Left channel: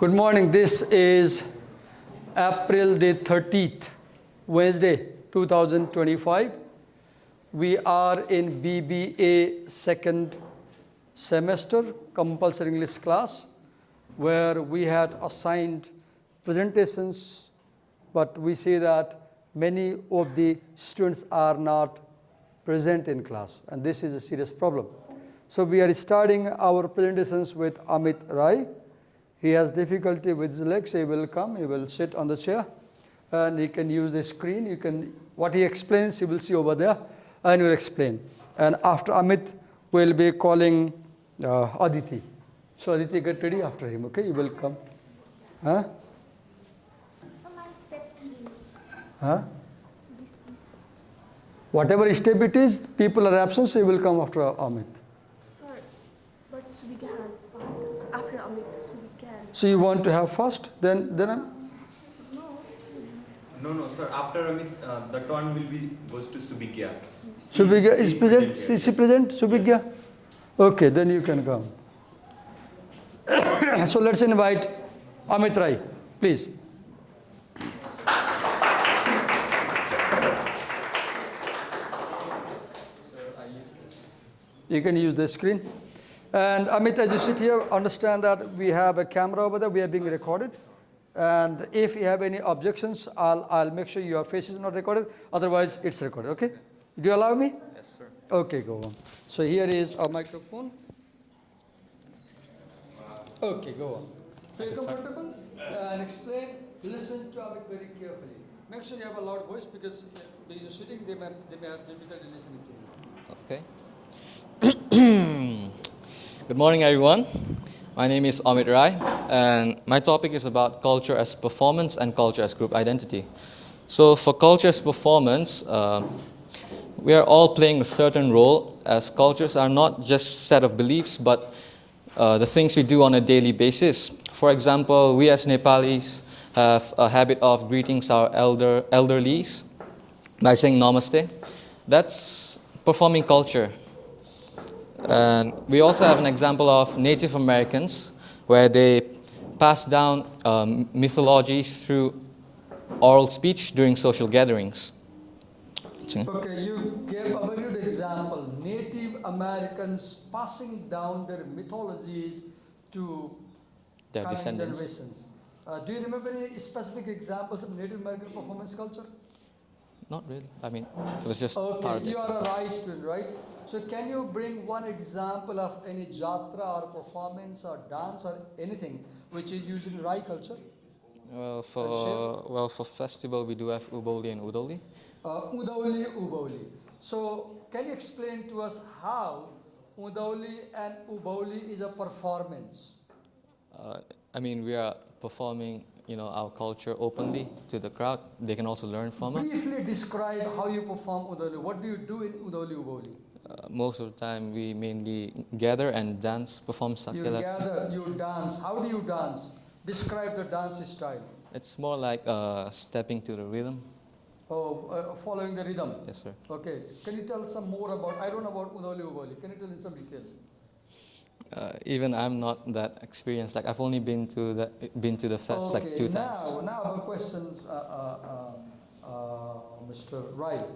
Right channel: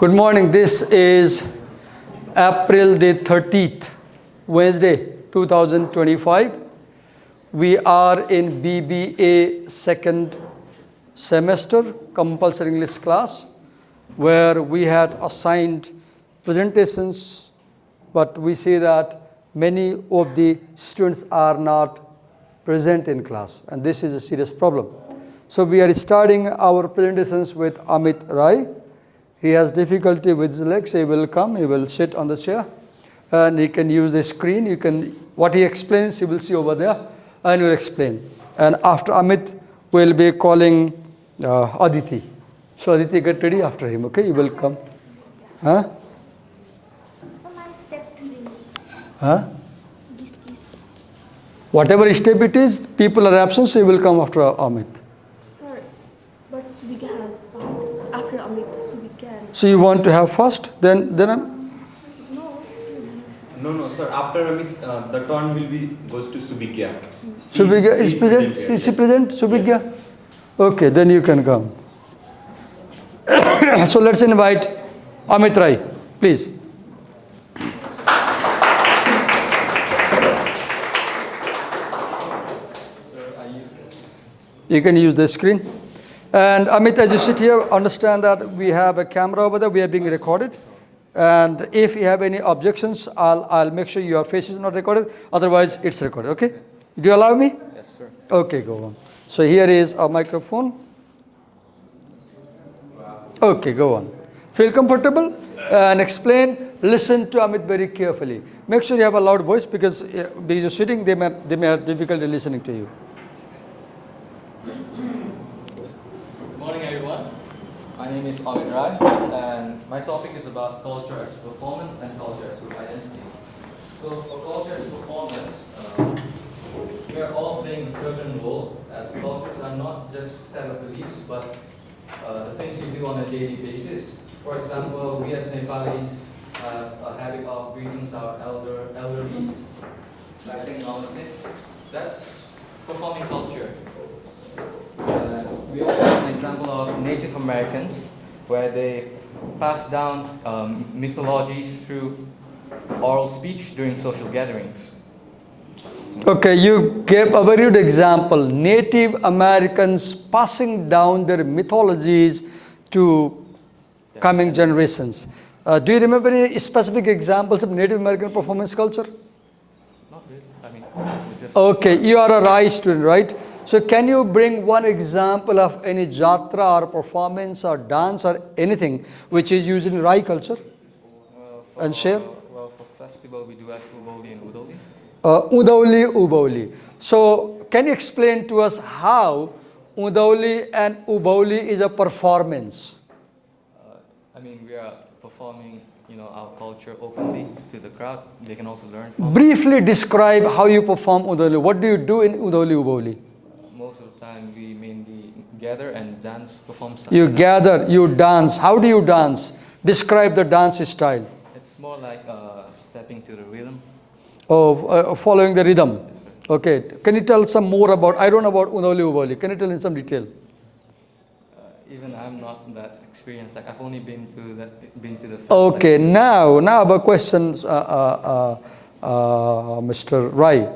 Good morning. This is April the 30th, Wednesday, 2025. We are in BBA second semester compulsory English class where we had assigned presentations, but we see that many of the students are not present in class, and this is a serious problem. So we are starting our presentations with Amit Rai. He has difficulty with his legs. He will come, he will sit on the chair, and he can use the screen. What he explains, you will see over there, and he will explain. And after Amit, we'll be calling Aditi. So Aditi, get ready after him, okay? You will come. Huh? Huh? Whatever step it is, people are absent, so he will come after Amit. Sorry, but we can have after Amit, so we can. So you want to have first, then I'm... No, sir. After Amit, the turn goes to Subigya. Subigya is present? Is he present? Subigya? Yes. Okay, then you can come. So let's invite Amit Rai, please. You can use the screen. And Amit, as you sit here, understand that we have a camera over there. We are being recorded. And if you have any objections, I'll make sure your face is not recorded. Otherwise, it's recorded, okay? Do you allow me? Yes, sir. Okay, go on. So here is our microphone. Okay, go on. Feel comfortable and explain. Listen to Amit very carefully. Make sure you have a loud voice because you're sitting, they may have difficulty listening to you. Good morning, everyone. My name is Amit Rai, and my topic is about culture as performance and culture as group identity. So for culture as performance, we are all playing a certain role, as cultures are not just a set of beliefs, but the things we do on a daily basis. For example, we as Nepalis have a habit of greeting our elderlies by saying namaste. That's performing culture. And we also have an example of Native Americans where they pass down mythologies through oral speech during social gatherings. Okay, you gave a very good example. Native Americans passing down their mythologies to coming generations. Do you remember any specific examples of Native American performance culture? Not really. I mean, it was just... Okay, you are a Rai student, right? So can you bring one example of any jatra or performance or dance or anything which is used in Rai culture? And share? Well, for festival we do have Uboli and Udoli. Uboli. So can you explain to us how Udoli and Uboli is a performance? I mean, we are performing, our culture openly to the crowd. They can also learn from. Briefly describe how you perform Udoli. What do you do in Udoli Uboli? Most of the time we mainly gather and dance, perform something. You gather, you dance. How do you dance? Describe the dance style. It's more like stepping to the rhythm. Oh, following the rhythm. Yes, sir. Okay. Can you tell some more about, I don't know about Udoli Uboli. Can you tell in some detail? Even I'm not that experienced. Like I've only been to the fest. Okay, now I have a question, Mr. Rai.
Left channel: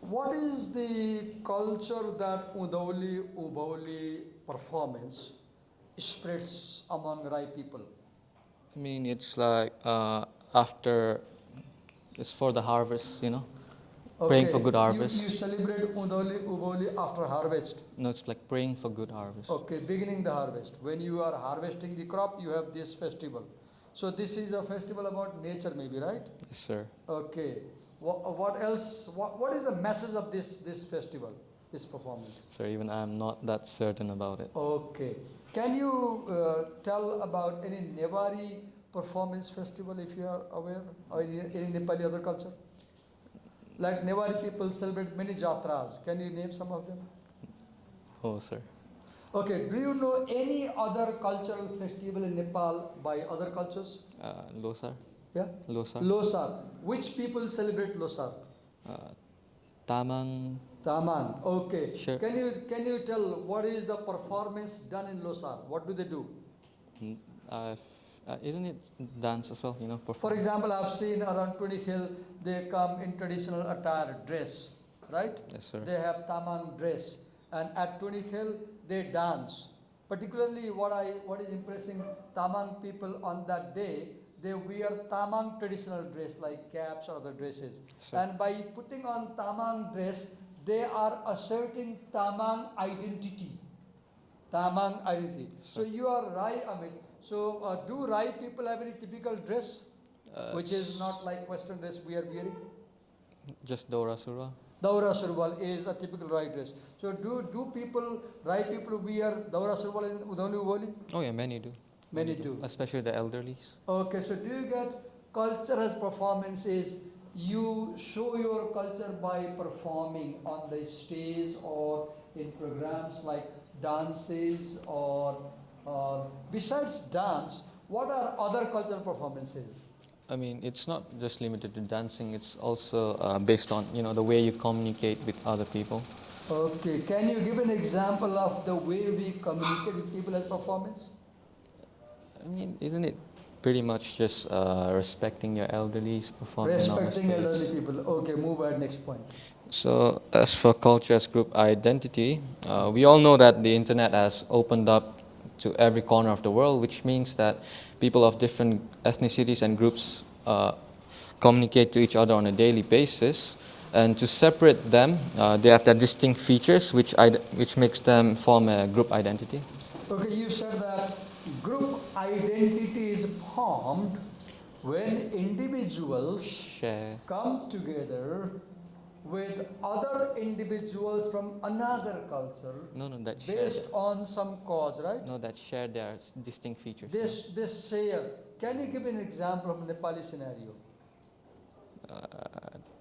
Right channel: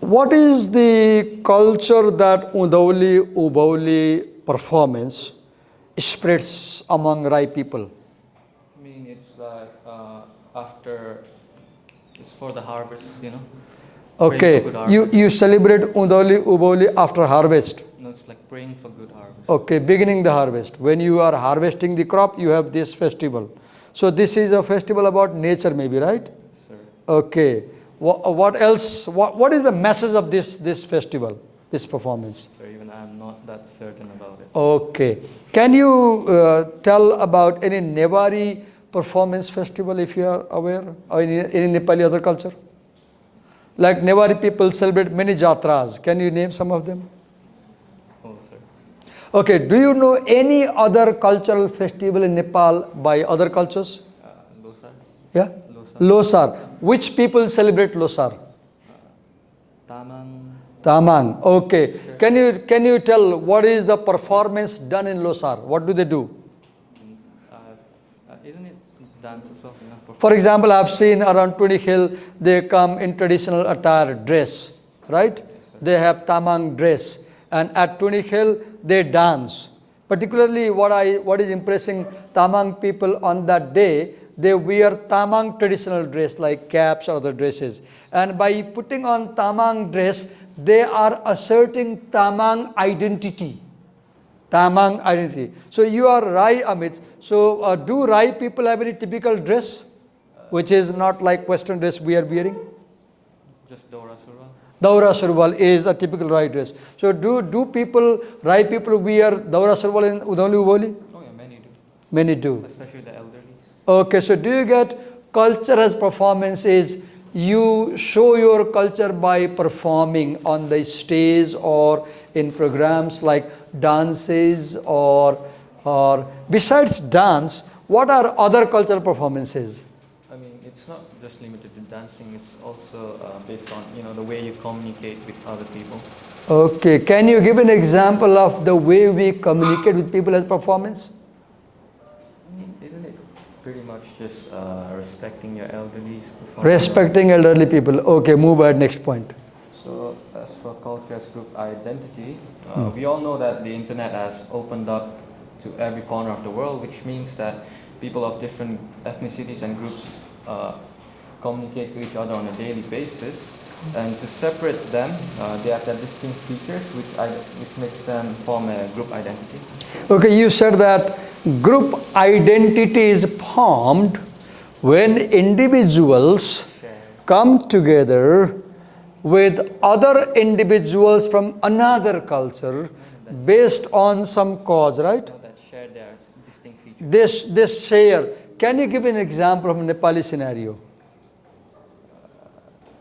What is the culture that Udoli Uboli performance spreads among Rai people? I mean, it's like it's for the harvest, Okay, for good harvest. you celebrate Udoli Uboli after harvest. No, it's like praying for good harvest. Okay, beginning the harvest. When you are harvesting the crop, you have this festival. So this is a festival about nature maybe, right? Yes, sir. Okay. What else? What is the message of this festival, this performance? Sir, even I'm not that certain about it. Okay. Can you tell about any Newari performance festival if you are aware, or any Nepali other culture? Like Newari people celebrate many jatras. Can you name some of them? Oh, sir. Okay. Do you know any other cultural festival in Nepal by other cultures? Losar. Yeah? Losar. Losar. Which people celebrate Losar? Tamang. Tamang. Okay. Sure. Can you tell what is the performance done in Losar? What do they do? Isn't it dance as well? You know, For example, I've seen around Tunic Hill, they come in traditional attire dress, right? Yes, sir. They have tamang dress. And at Tunic Hill, they dance. Particularly what is impressing tamang people on that day, they wear tamang traditional dress like caps or other dresses. And by putting on tamang dress, they are asserting tamang identity. Tamang identity. So you are Rai, Amit. So do Rai people have any typical dress, which is not like Western dress we are wearing? Just Dora Surva. Daura Surwal is a typical Rai dress. So do people, Rai people wear Daura Surwal in Udoli Uvoli? Oh yeah, many do. Many do. Especially the elderlies. Okay, so do you get culture as performance is you show your culture by performing on the stage or in programs like dances or besides dance, what are other cultural performances? I mean, it's not just limited to dancing. It's also based on, you know, the way you communicate with other people. Okay, can you give an example of the way we communicate with people as performance? I mean, isn't it pretty much just respecting your elderlies? Respecting elderly people. Okay, move ahead, next point. So, as for culture as group identity, we all know that the internet has opened up to every corner of the world, which means that people of different ethnicities and groups communicate to each other on a daily basis. And to separate them, they have their distinct features, which makes them form a group identity. Okay, you said that group identity is formed when individuals come together with other individuals from another culture based on some cause, right? No, that share their distinct features. They share. Can you give an example of a Nepali scenario?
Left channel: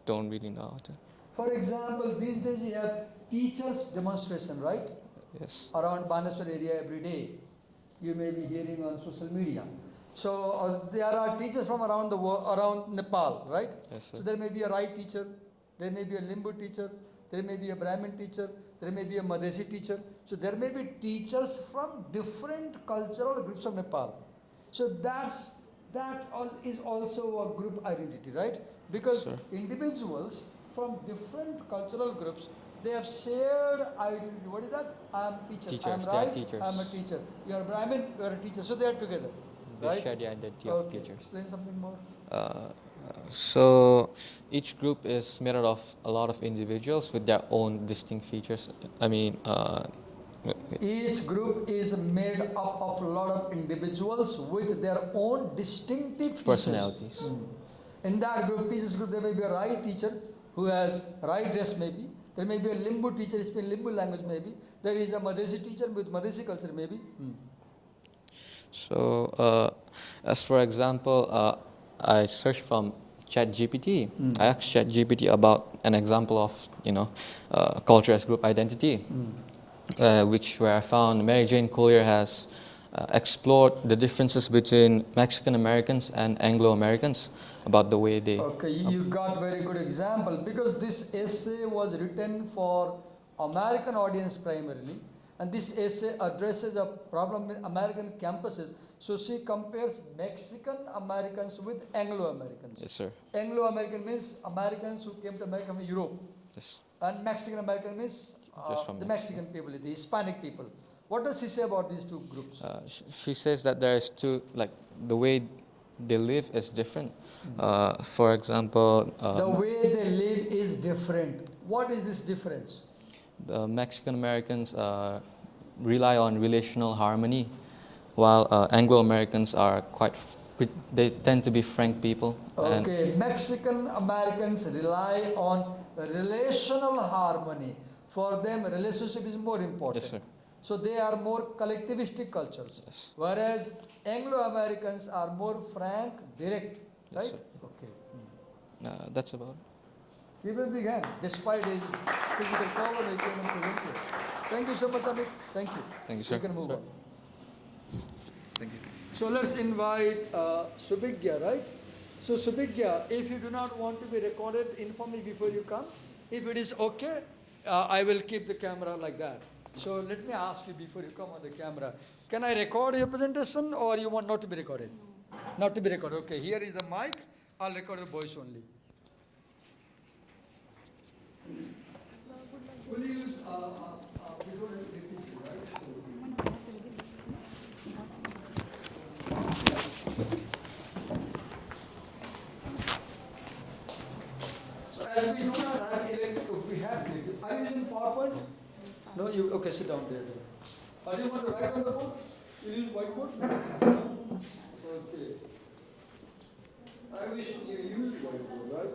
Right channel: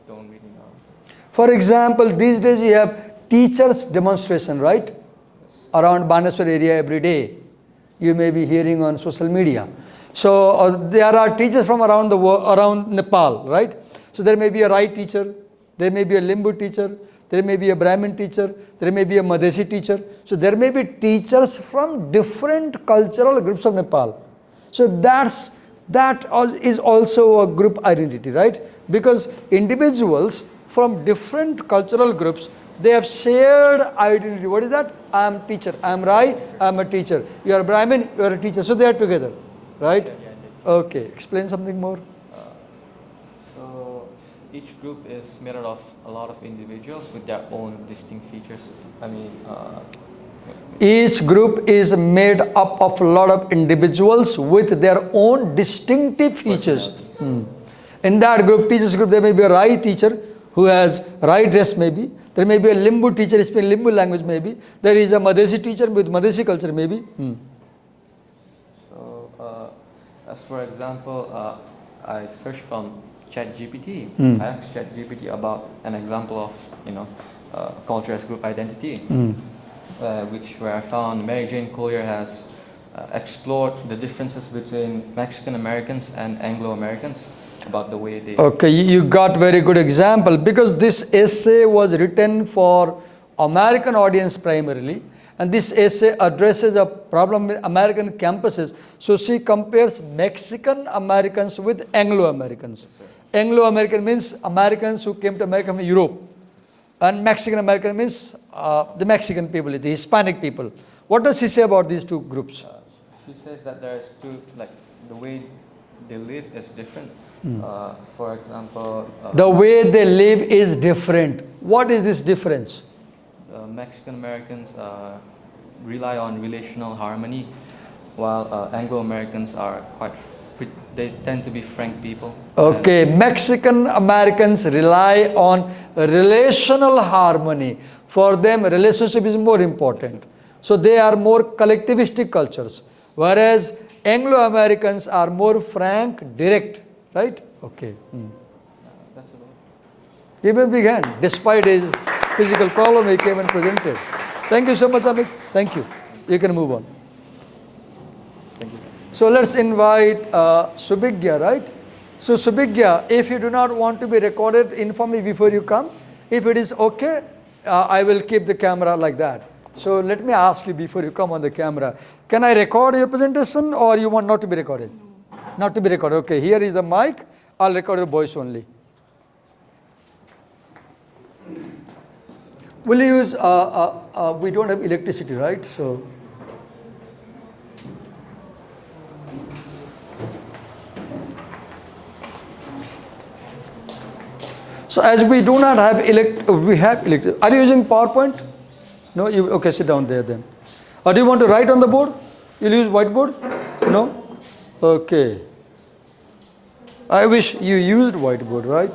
Don't really know how to. For example, these days you have teachers demonstration, right? Yes. Around Baneswar area every day. You may be hearing on social media. So there are teachers from around the world, around Nepal, right? So there may be a Rai teacher, there may be a Limbu teacher, there may be a Brahmin teacher, there may be a Madhesi teacher. So there may be teachers from different cultural groups of Nepal. So that is also a group identity, right? Because individuals from different cultural groups, they have shared identity. What is that? I am teacher. I am Rai. I am a teacher. You are Brahmin. You are a teacher. So they are together, right? Share the identity. Okay. Explain something more. So each group is made out of a lot of individuals with their own distinct features. I mean, Each group is made up of a lot of individuals with their own distinctive features. In that group, teachers group, there may be a Rai teacher who has Rai dress maybe. There may be a Limbu teacher speaking Limbu language maybe. There is a Madhesi teacher with Madhesi culture maybe. So, as for example, I searched from ChatGPT. I asked ChatGPT about an example of, culture as group identity, where I found Mary Jane Collier has explored the differences between Mexican Americans and Anglo Americans about the way they. Okay, you got very good example because this essay was written for American audience primarily, and this essay addresses a problem in American campuses. So she compares Mexican Americans with Anglo Americans. Yes, sir. Anglo American means Americans who came to America from Europe, Yes. and Mexican American means the Mexican people, the Hispanic people. What does she say about these two groups? She says that there is two, like the way they live is different. For example, The way they live is different. What is this difference? Mexican Americans rely on relational harmony, while Anglo Americans are they tend to be frank people. Okay, Mexican Americans rely on relational harmony. For them, relationship is more important. Yes, sir. So they are more collectivistic cultures, whereas Anglo Americans are more frank, direct, right? Okay. That's about it. Give him a big hand. Despite his physical problem, he came and presented. Thank you so much, Amit. Thank you. Thank you, sir. You can move on. Thank you. So let's invite Subhigya, right? So Subhigya, if you do not want to be recorded, inform me before you come. If it is okay, I will keep the camera like that. So let me ask you before you come on the camera, can I record your presentation or you want not to be recorded? Not to be recorded. Okay, here is the mic. I'll record your voice only. Will you use, we don't have electricity, right? So as we do not have we have electricity. Are you using PowerPoint? No? Okay, sit down there then. Or do you want to write on the board? You'll use whiteboard? No? Okay. I wish you used whiteboard, right?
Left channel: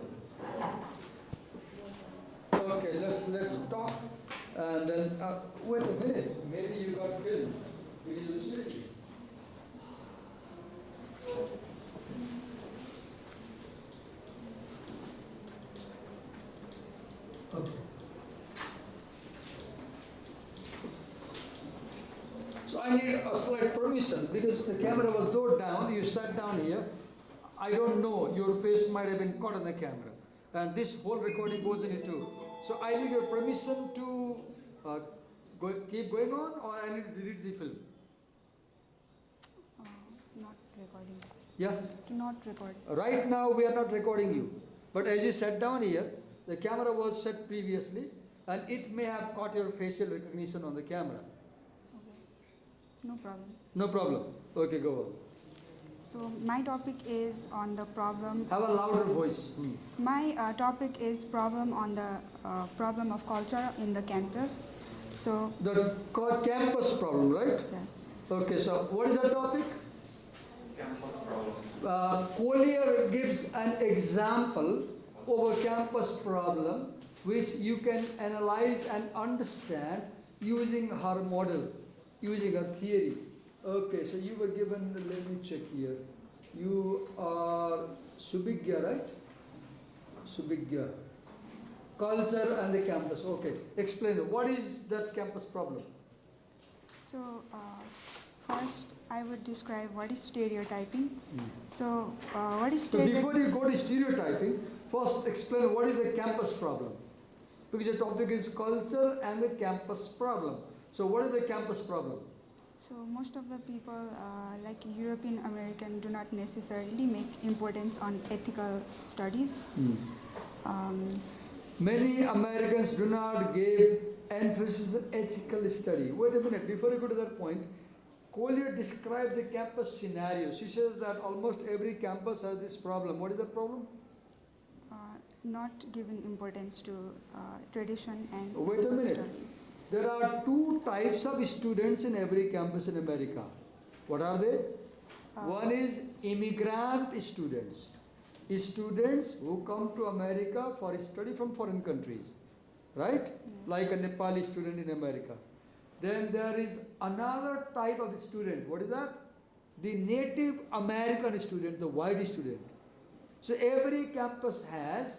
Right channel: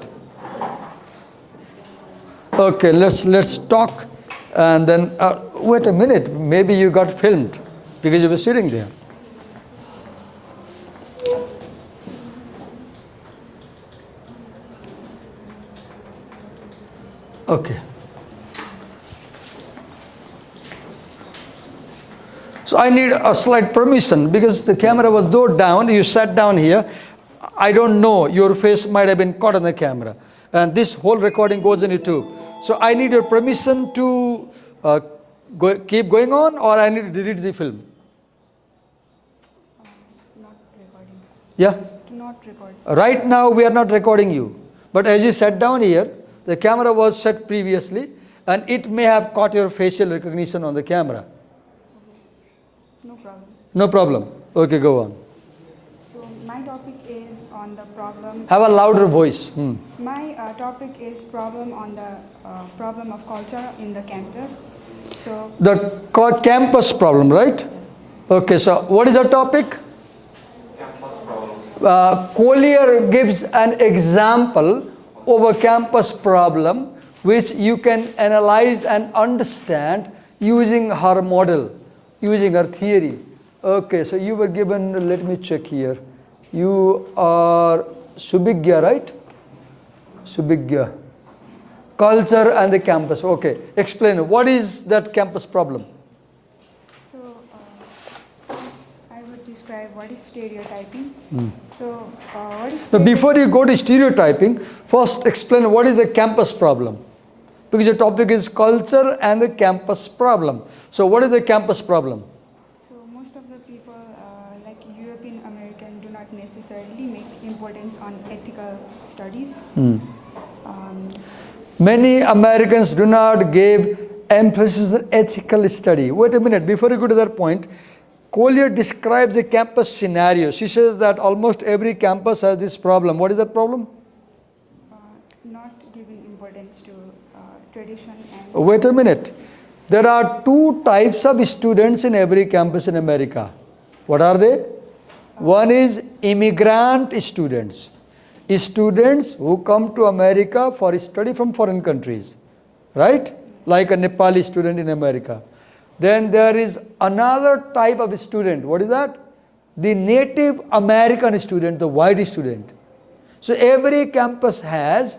Okay, let's talk, and then wait a minute. Maybe you got filmed because you were sitting there. Okay. So I need a slight permission because the camera was though down. You sat down here. I don't know. Your face might have been caught on the camera, and this whole recording goes on YouTube. So I need your permission to keep going on, or I need to delete the film. Not recording. Yeah. Not recording. Right now we are not recording you, but as you sat down here, the camera was set previously, and it may have caught your facial recognition on the camera. No problem. No problem. Okay, go on. So my topic is on the problem. Have a louder voice. My topic is problem on the problem of culture in the campus. So The campus problem, right? yes. Okay, so what is our topic? Collier gives an example of a campus problem which you can analyze and understand using her model, using her theory. Okay, so you were given, let me check here. You are Subhigya, right? Subhigya. Culture and the campus. Okay, explain. What is that campus problem? So first I would describe what is stereotyping. So what is So before you go to stereotyping, first explain what is the campus problem. Because your topic is culture and the campus problem. So what is the campus problem? So most of the people, like European American, do not necessarily make importance on ethical studies. Many Americans do not give emphasis on ethical study. Wait a minute, before you go to that point, Collier describes a campus scenario. She says that almost every campus has this problem. What is that problem? Not giving importance to tradition and... Wait a minute. There are two types of students in every campus in America. What are they? One is immigrant students. Students who come to America for study from foreign countries, right? Like a Nepali student in America. Then there is another type of student. What is that? The Native American student, the white student. So every campus has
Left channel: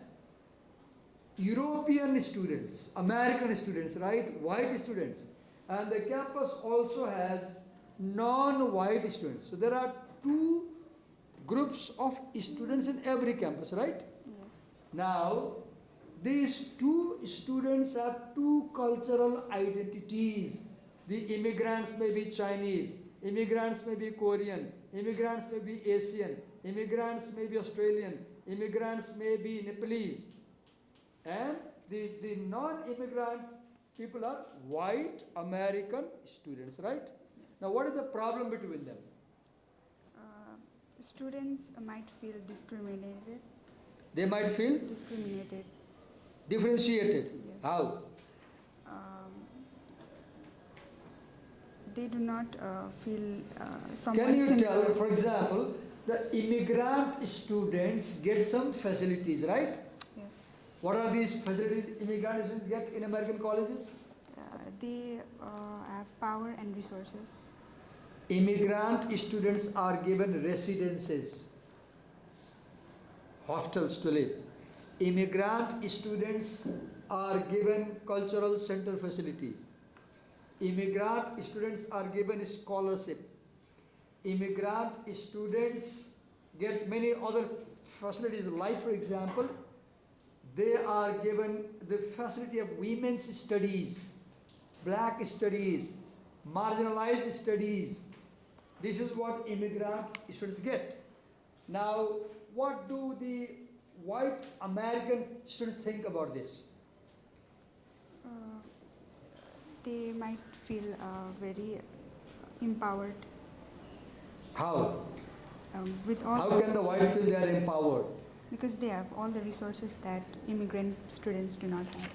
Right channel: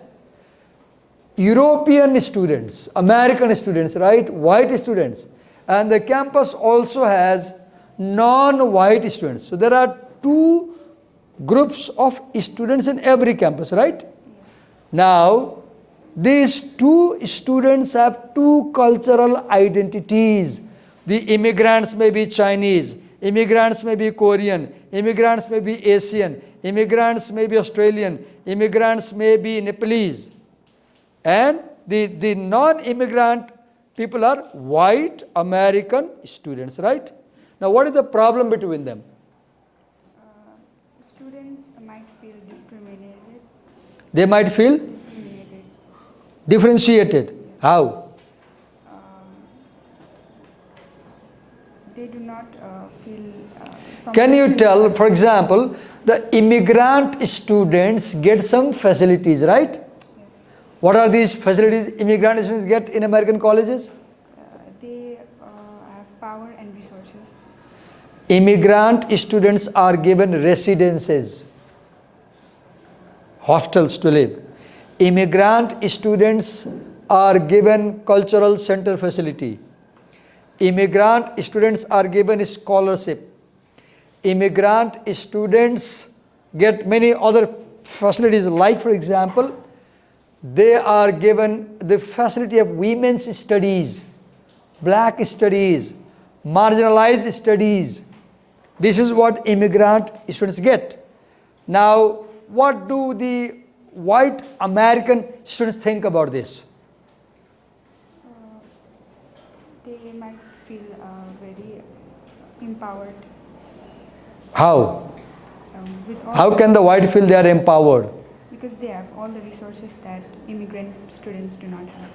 European students, American students, right? White students. And the campus also has non-white students. So there are two groups of students in every campus, right? Yes. Now, these two students have two cultural identities. The immigrants may be Chinese, immigrants may be Korean, immigrants may be Asian, immigrants may be Australian, immigrants may be Nepalese. And the non-immigrant people are white American students, right? Now, what is the problem between them? Students might feel discriminated. They might feel Discriminated. differentiated. How? They do not feel... some Can you person- tell, for example, the immigrant students get some facilities, right? Yes. What are these facilities immigrant students get in American colleges? They have power and resources. Immigrant students are given residences, hostels to live. Immigrant students are given cultural center facility. Immigrant students are given scholarship. Immigrant students get many other facilities, like for example, they are given the facility of women's studies, black studies, marginalized studies. This is what immigrant students get. Now, what do the white American students think about this? They might feel very empowered How? with all How can the white feel they are empowered? because they have all the resources that immigrant students do not have.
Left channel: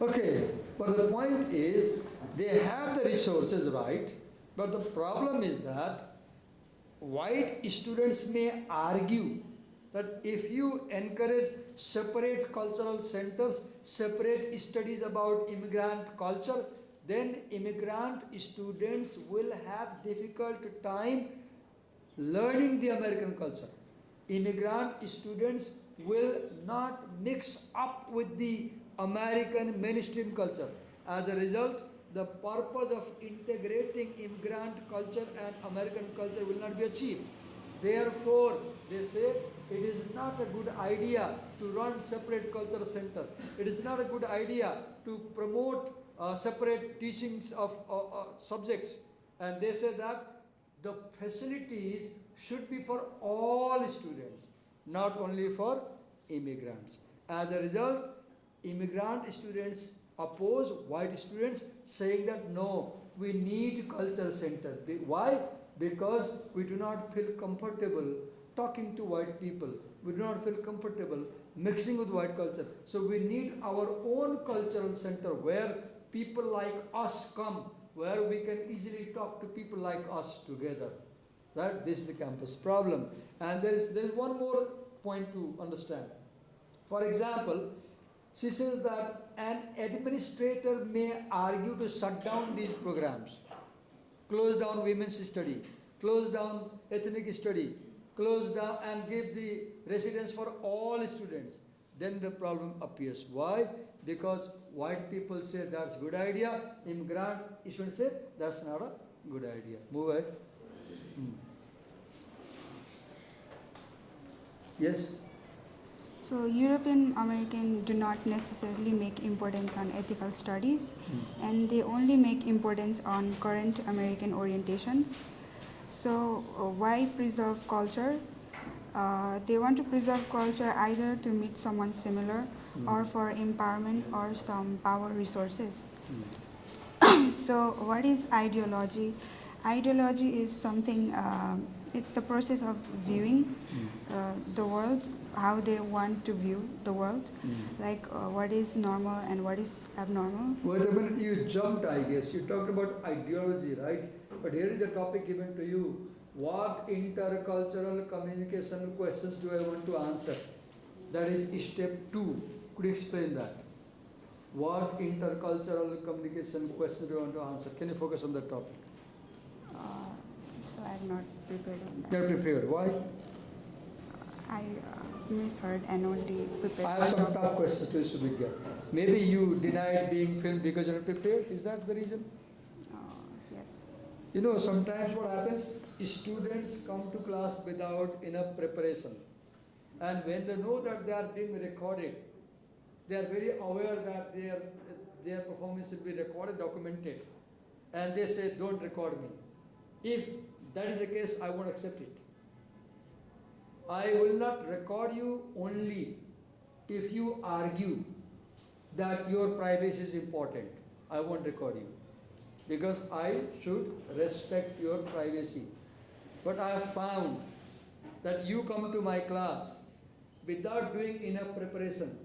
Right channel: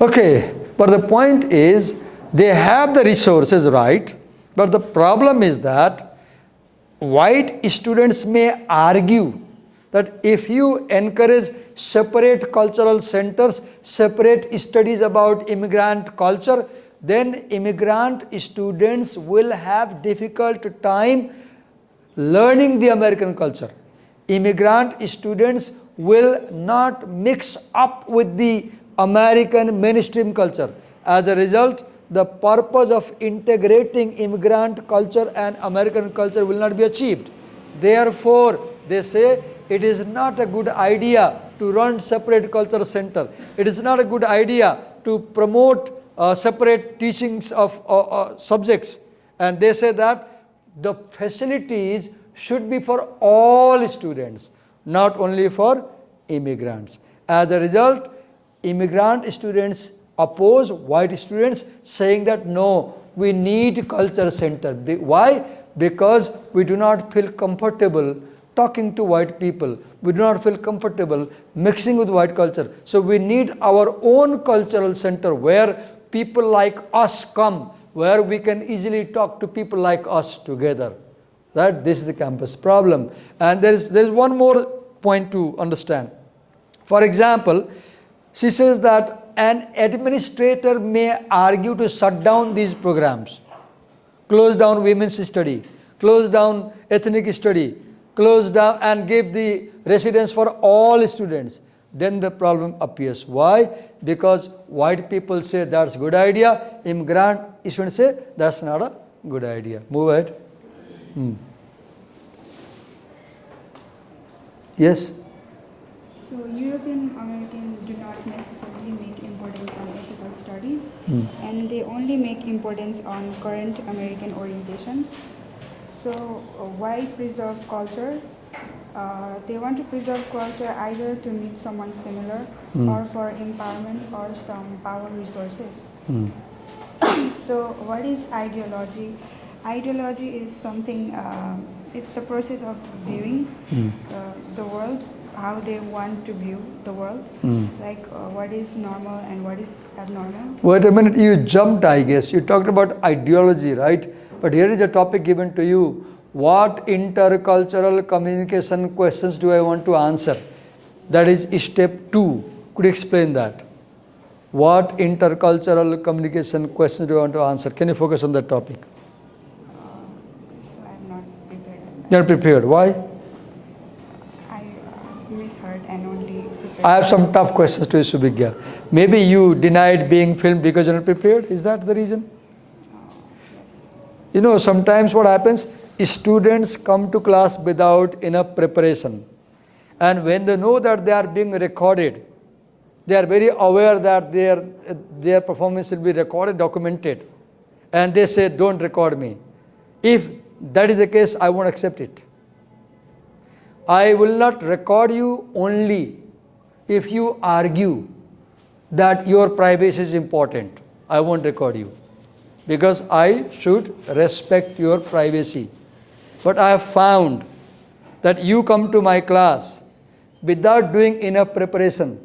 Okay, but the point is they have the resources, right? But the problem is that white students may argue that if you encourage separate cultural centers, separate studies about immigrant culture, then immigrant students will have difficult time learning the American culture. Immigrant students will not mix up with the American mainstream culture. As a result, the purpose of integrating immigrant culture and American culture will not be achieved. Therefore, they say it is not a good idea to run separate cultural center. It is not a good idea to promote separate teachings of subjects. And they say that the facilities should be for all students, not only for immigrants. As a result, immigrant students oppose white students, saying that no, we need culture center. Why? Because we do not feel comfortable talking to white people. We do not feel comfortable mixing with white culture. So we need our own cultural center where people like us come, where we can easily talk to people like us together. That this is the campus problem. And there is one more point to understand. For example, she says that an administrator may argue to shut down these programs, close down women's study, close down ethnic study, close down and give the residence for all students. Then the problem appears. Why? Because white people say that's a good idea, immigrant students say that's not a good idea. Move ahead. Yes? So European American do not necessarily make importance on ethical studies, and they only make importance on current American orientations. So why preserve culture? They want to preserve culture either to meet someone similar or for empowerment or some power resources. So what is ideology? Ideology is something, it's the process of viewing the world, how they want to view the world, like what is normal and what is abnormal. Wait a minute, you jumped, I guess. You talked about ideology, right? But here is a topic given to you. What intercultural communication questions do I want to answer? That is step 2. Could you explain that? What intercultural communication questions do I want to answer? Can you focus on that topic? So I'm not prepared. You're not prepared. Why? I misheard and only prepared. I have some tough questions to you, Subhigya. Maybe you denied being filmed because you're not prepared? Is that the reason? Yes. You know, sometimes what happens, students come to class without enough preparation. And when they know that they are being recorded, they are very aware that their performance will be recorded, documented. And they say, don't record me. If that is the case, I won't accept it. I will not record you only if you argue that your privacy is important. I won't record you because I should respect your privacy. But I have found that you come to my class without doing enough preparation,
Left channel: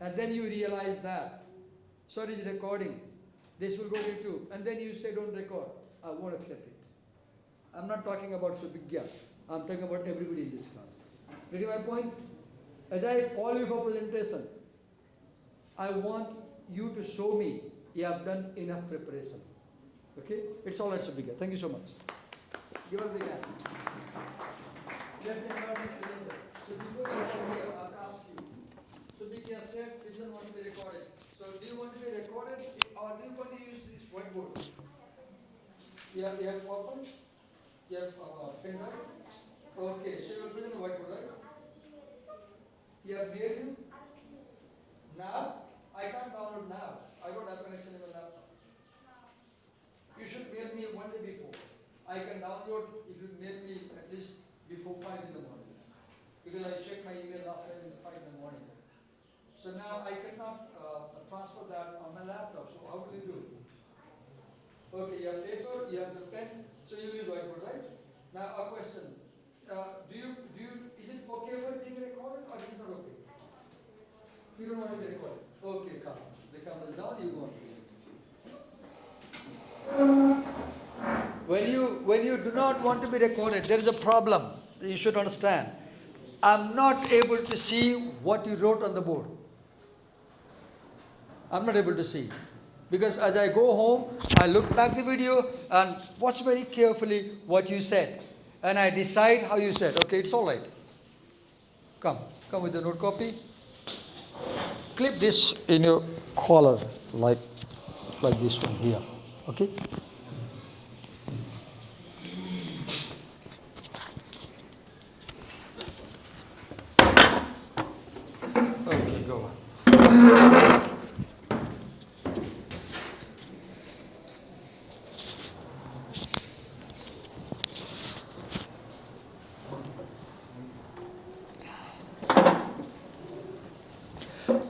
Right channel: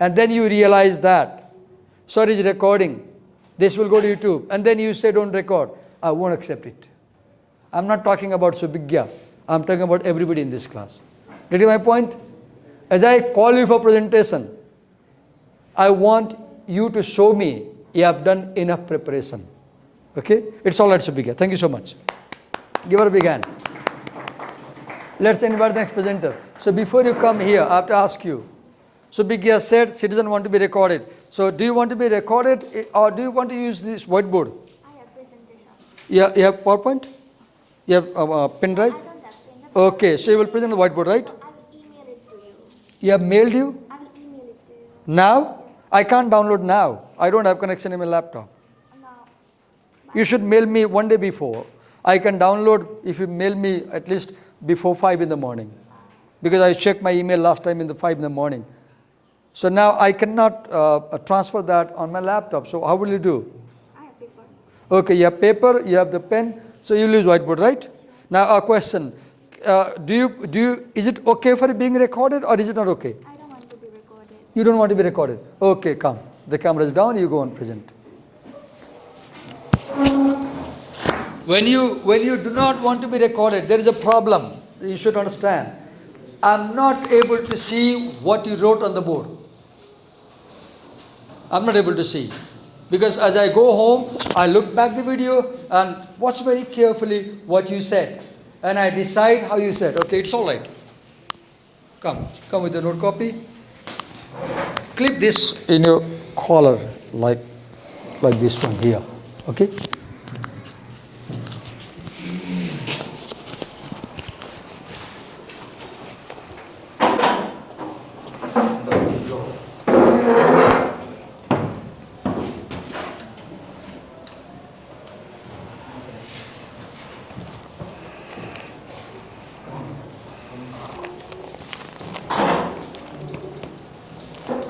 and then you realize that, sorry, it's recording, this will go to YouTube, and then you say don't record. I won't accept it. I'm not talking about Subhigya. I'm talking about everybody in this class. Get you my point? As I call you for presentation, I want you to show me you have done enough preparation. Okay? It's all right, Subhigya. Thank you so much. Give her a big hand. Let's invite the next presenter. So before you come here, I have to ask you. Subhigya said citizen want to be recorded. So do you want to be recorded or do you want to use this whiteboard? I have presentation. Yeah, you have PowerPoint? You have a pen drive? I don't have pen. Okay, so you will present the whiteboard, right? I will email it to you. You have mailed you? I will email it to you. Now? I can't download now. I don't have connection in my laptop. Now, You should mail me one day before. I can download if you mail me at least before 5 in the morning, because I checked my email last time in the 5 in the morning. So now I cannot transfer that on my laptop. So how will you do? I have paper. Okay, you have paper, you have the pen, so you use whiteboard, right? Now a question, is it okay for it being recorded or is it not okay? I don't want to be recorded. You don't want to be recorded. Okay, come. The camera is down, you go and present. When you do not want to be recorded, there is a problem. You should understand. I'm not able to see what you wrote on the board. I'm not able to see. Because as I go home, I look back the video and watch very carefully what you said. And I decide how you said. Okay, it's all right. Come with the note copy. Clip this in your collar like this one here. Okay?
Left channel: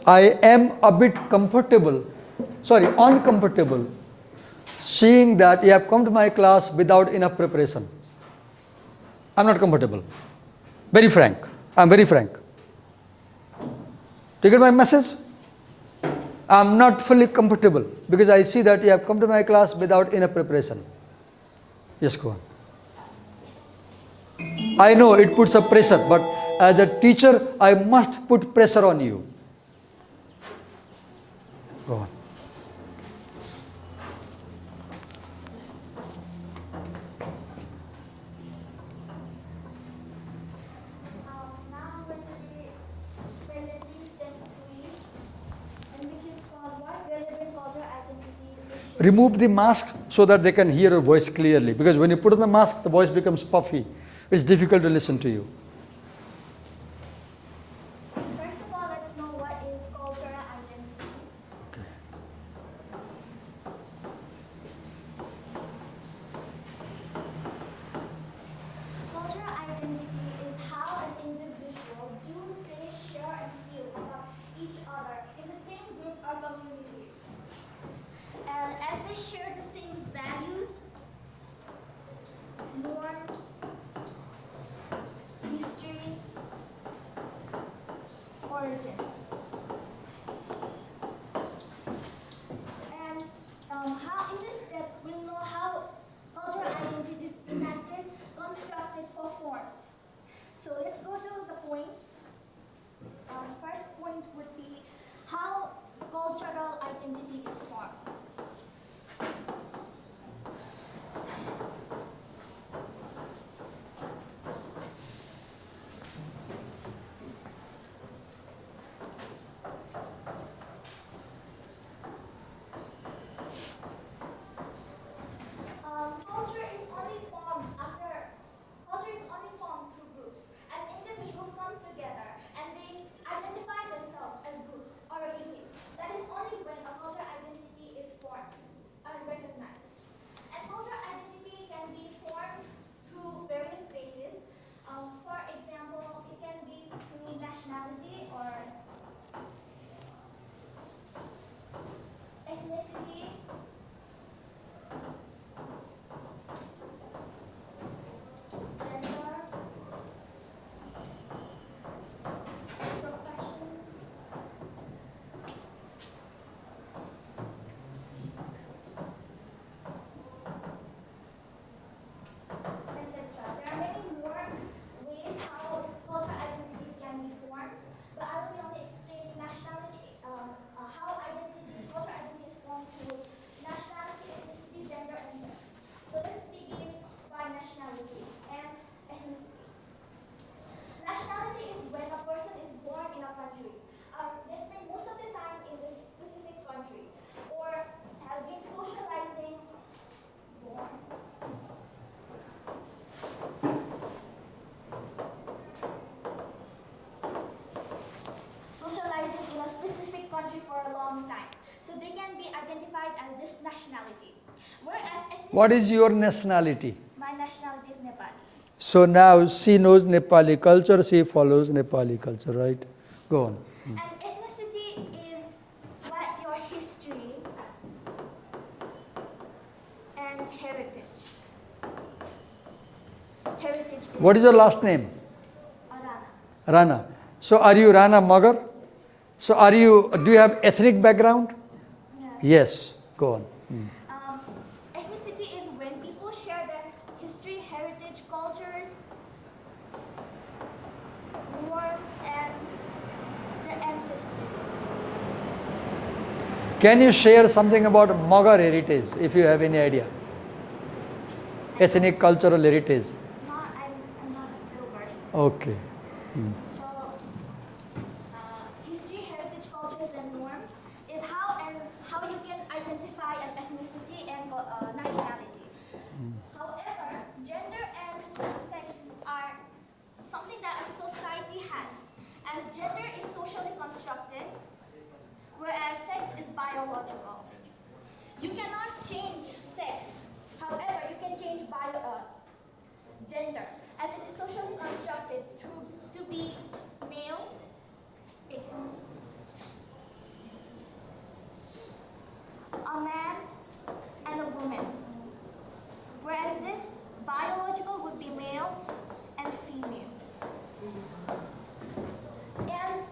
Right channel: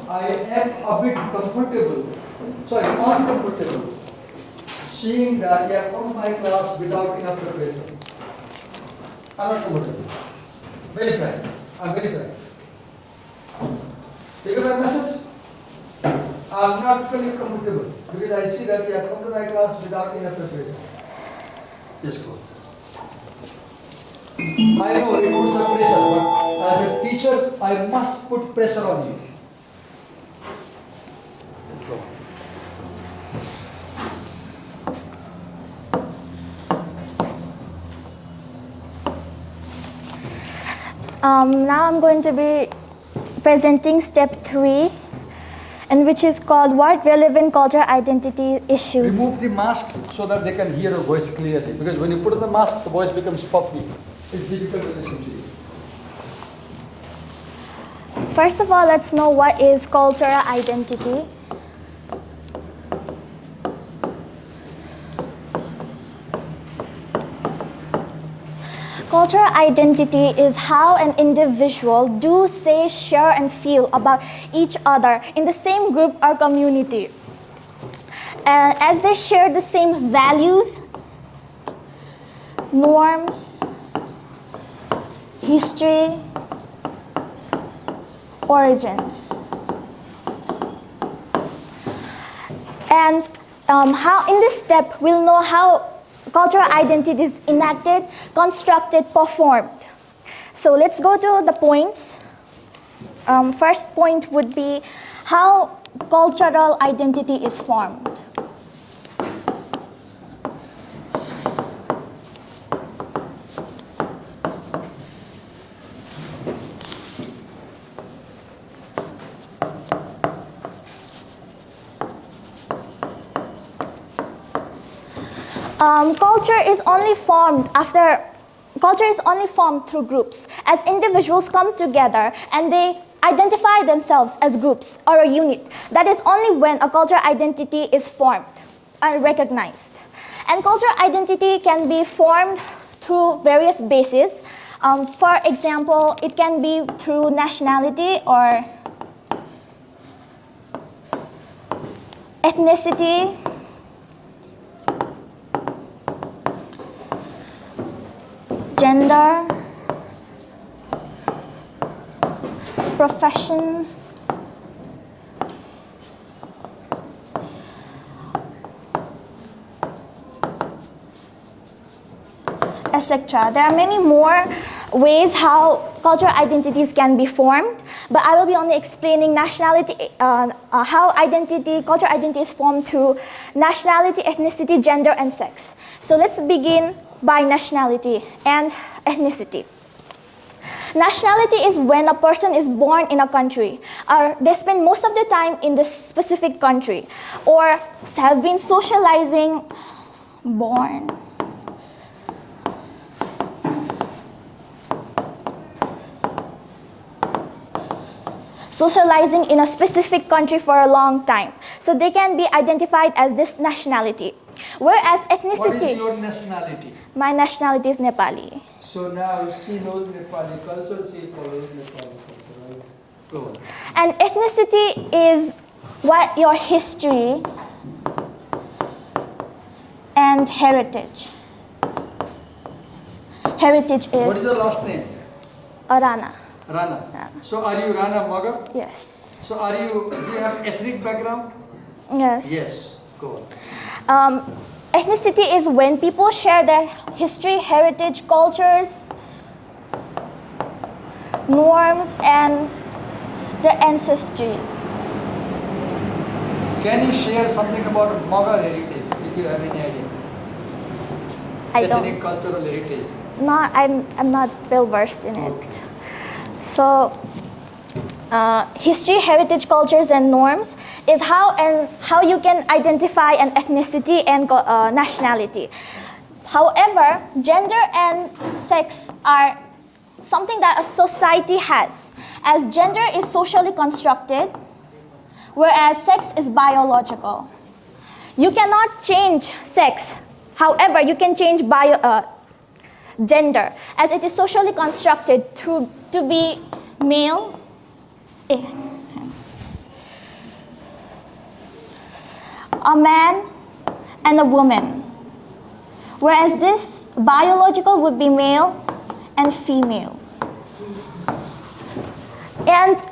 I am a bit uncomfortable, seeing that you have come to my class without enough preparation. I'm not comfortable. Very frank. I'm very frank. Do you get my message? I'm not fully comfortable because I see that you have come to my class without enough preparation. Yes, go on. I know it puts a pressure, but as a teacher, I must put pressure on you. Go on. Now I'm going to be presenting step 3, and which is called What Relevant Cultural Identity Issues. Remove the mask so that they can hear your voice clearly, because when you put on the mask, the voice becomes puffy. It's difficult to listen to you. First of all, let's know what is cultural identity. Cultural identity is how an individual do, say, share, and feel about each other in the same group or community. And as they share the same values, norms, history, origins. And how in this step we'll know how cultural identity is enacted, constructed, performed. So let's go to the points. First point would be how cultural identity is formed. Culture is only formed through groups, as individuals come together and they identify themselves as groups or a unit. That is only when a cultural identity is formed and recognized. And cultural identity can be formed through various bases. For example, it can be through nationality or ethnicity, gender, profession, etc. There are many more ways how cultural identities can be formed, but I will be only explaining nationality, how cultural identity is formed through nationality, ethnicity, gender, and sex. So let's begin by nationality and ethnicity. Nationality is when a person is born in a country, or they spend most of their time in this specific country, or have been socializing, socializing in a specific country for a long time. So they can be identified as this nationality. Whereas ethnicity, What is your nationality? my nationality is Nepali. So now she knows Nepali culture, she follows Nepali culture, right? Go on. And ethnicity is what your history and heritage. Heritage is What is your last name? Rana. Rana. So are you Rana Magar? Yes. So do you have ethnic background? Yes. Yes. Go on. Ethnicity is when people share their history, heritage, cultures, norms, and their ancestry. Can you share something about Magar heritage, if you have any idea? Ethnic cultural heritage. No, I'm not well versed in Okay. it. So, history, heritage, cultures, and norms is how you can identify an ethnicity and nationality. However, gender and sex are something that a society has, as gender is socially constructed, whereas sex is biological. You cannot change sex. However, you can change gender, as it is socially constructed to be male. A man and a woman, whereas this biological would be male and female. And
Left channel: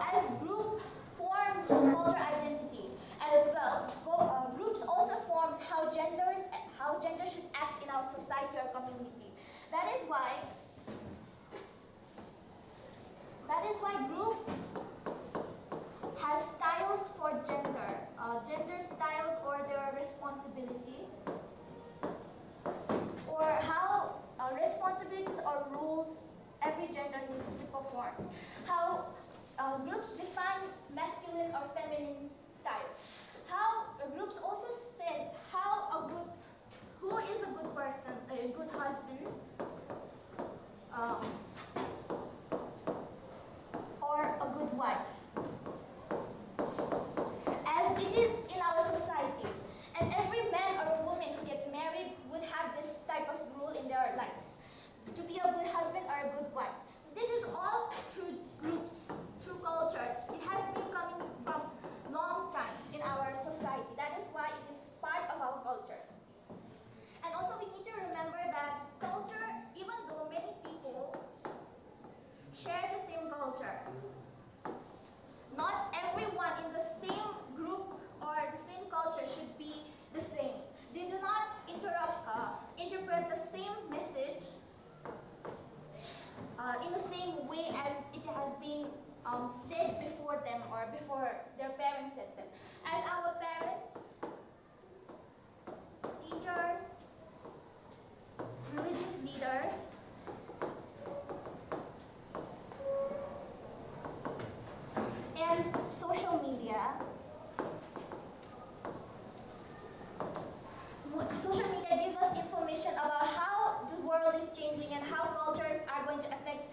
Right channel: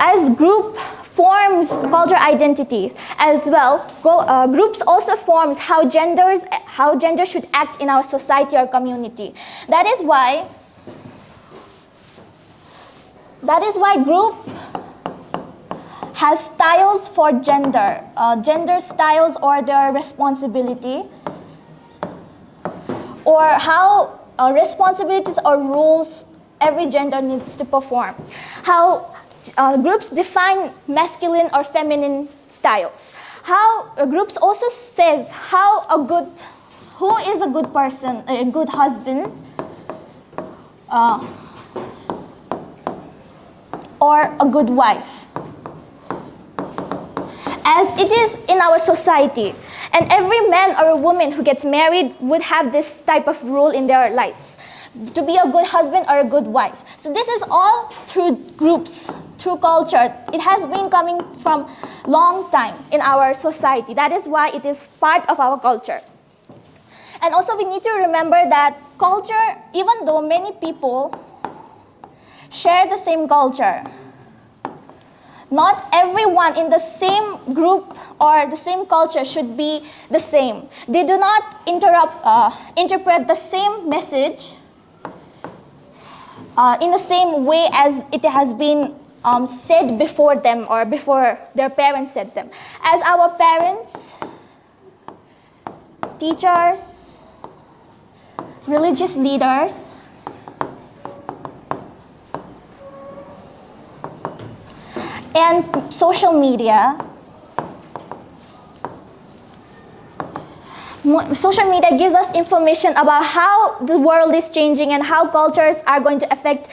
as group forms cultural identities as well. Groups also forms how gender should act in our society or community. That is why group has styles for gender, gender styles or their responsibility, or how responsibilities or rules every gender needs to perform. How groups define masculine or feminine styles. How groups also says who is a good person, a good husband, or a good wife. As it is in our society, and every man or a woman who gets married would have this type of rule in their lives, to be a good husband or a good wife. So this is all through groups, through culture. It has been coming from long time in our society. That is why it is part of our culture. And also we need to remember that culture, even though many people share the same culture, not everyone in the same group or the same culture should be the same. They do not interpret the same message in the same way as it has been said before them or before their parents said them. As our parents, teachers, religious leaders, and social media, gives us information about how the world is changing and how cultures are going to affect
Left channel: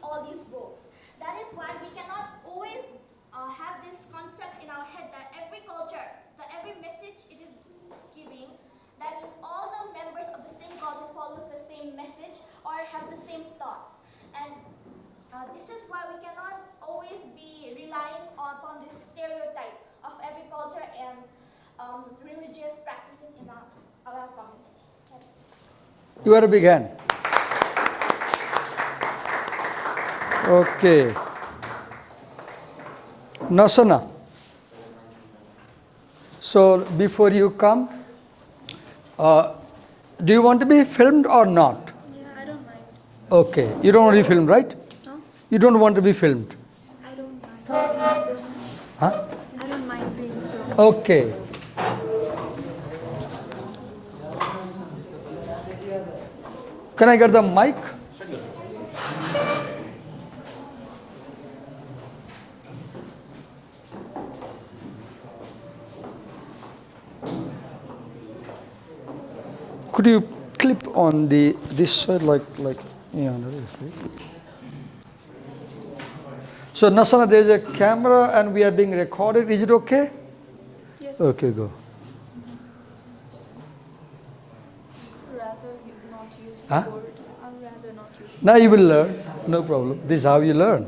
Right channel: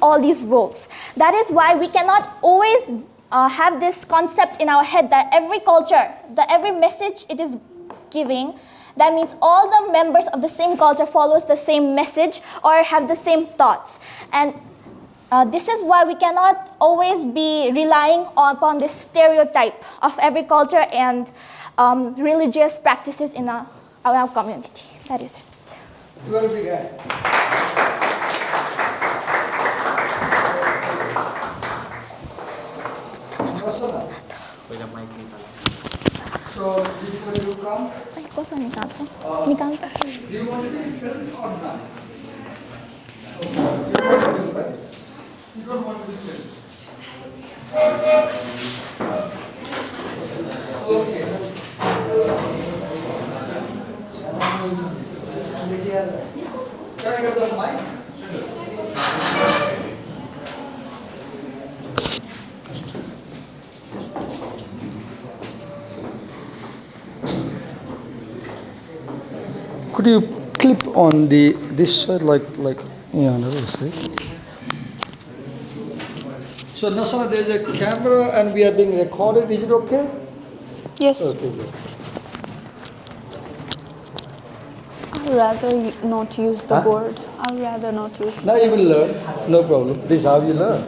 all these roles. That is why we cannot always have this concept in our head that every culture, that every message it is giving, that means all the members of the same culture follows the same message or have the same thoughts. And this is why we cannot always be relying upon this stereotype of every culture and religious practices in our community. That is it. You are a big hand. Okay. Nasana. So before you come, do you want to be filmed or not? Okay. You don't want to be filmed, right? You don't want to be filmed. Huh? Okay. Can I get the mic? Could you clip on this side like yeah, no, so Nasana, there is a camera and we are being recorded. Is it okay? Yes. Okay, go. I'd rather not use the board. I'd rather not use. Now you will learn, no problem. This is how you learn.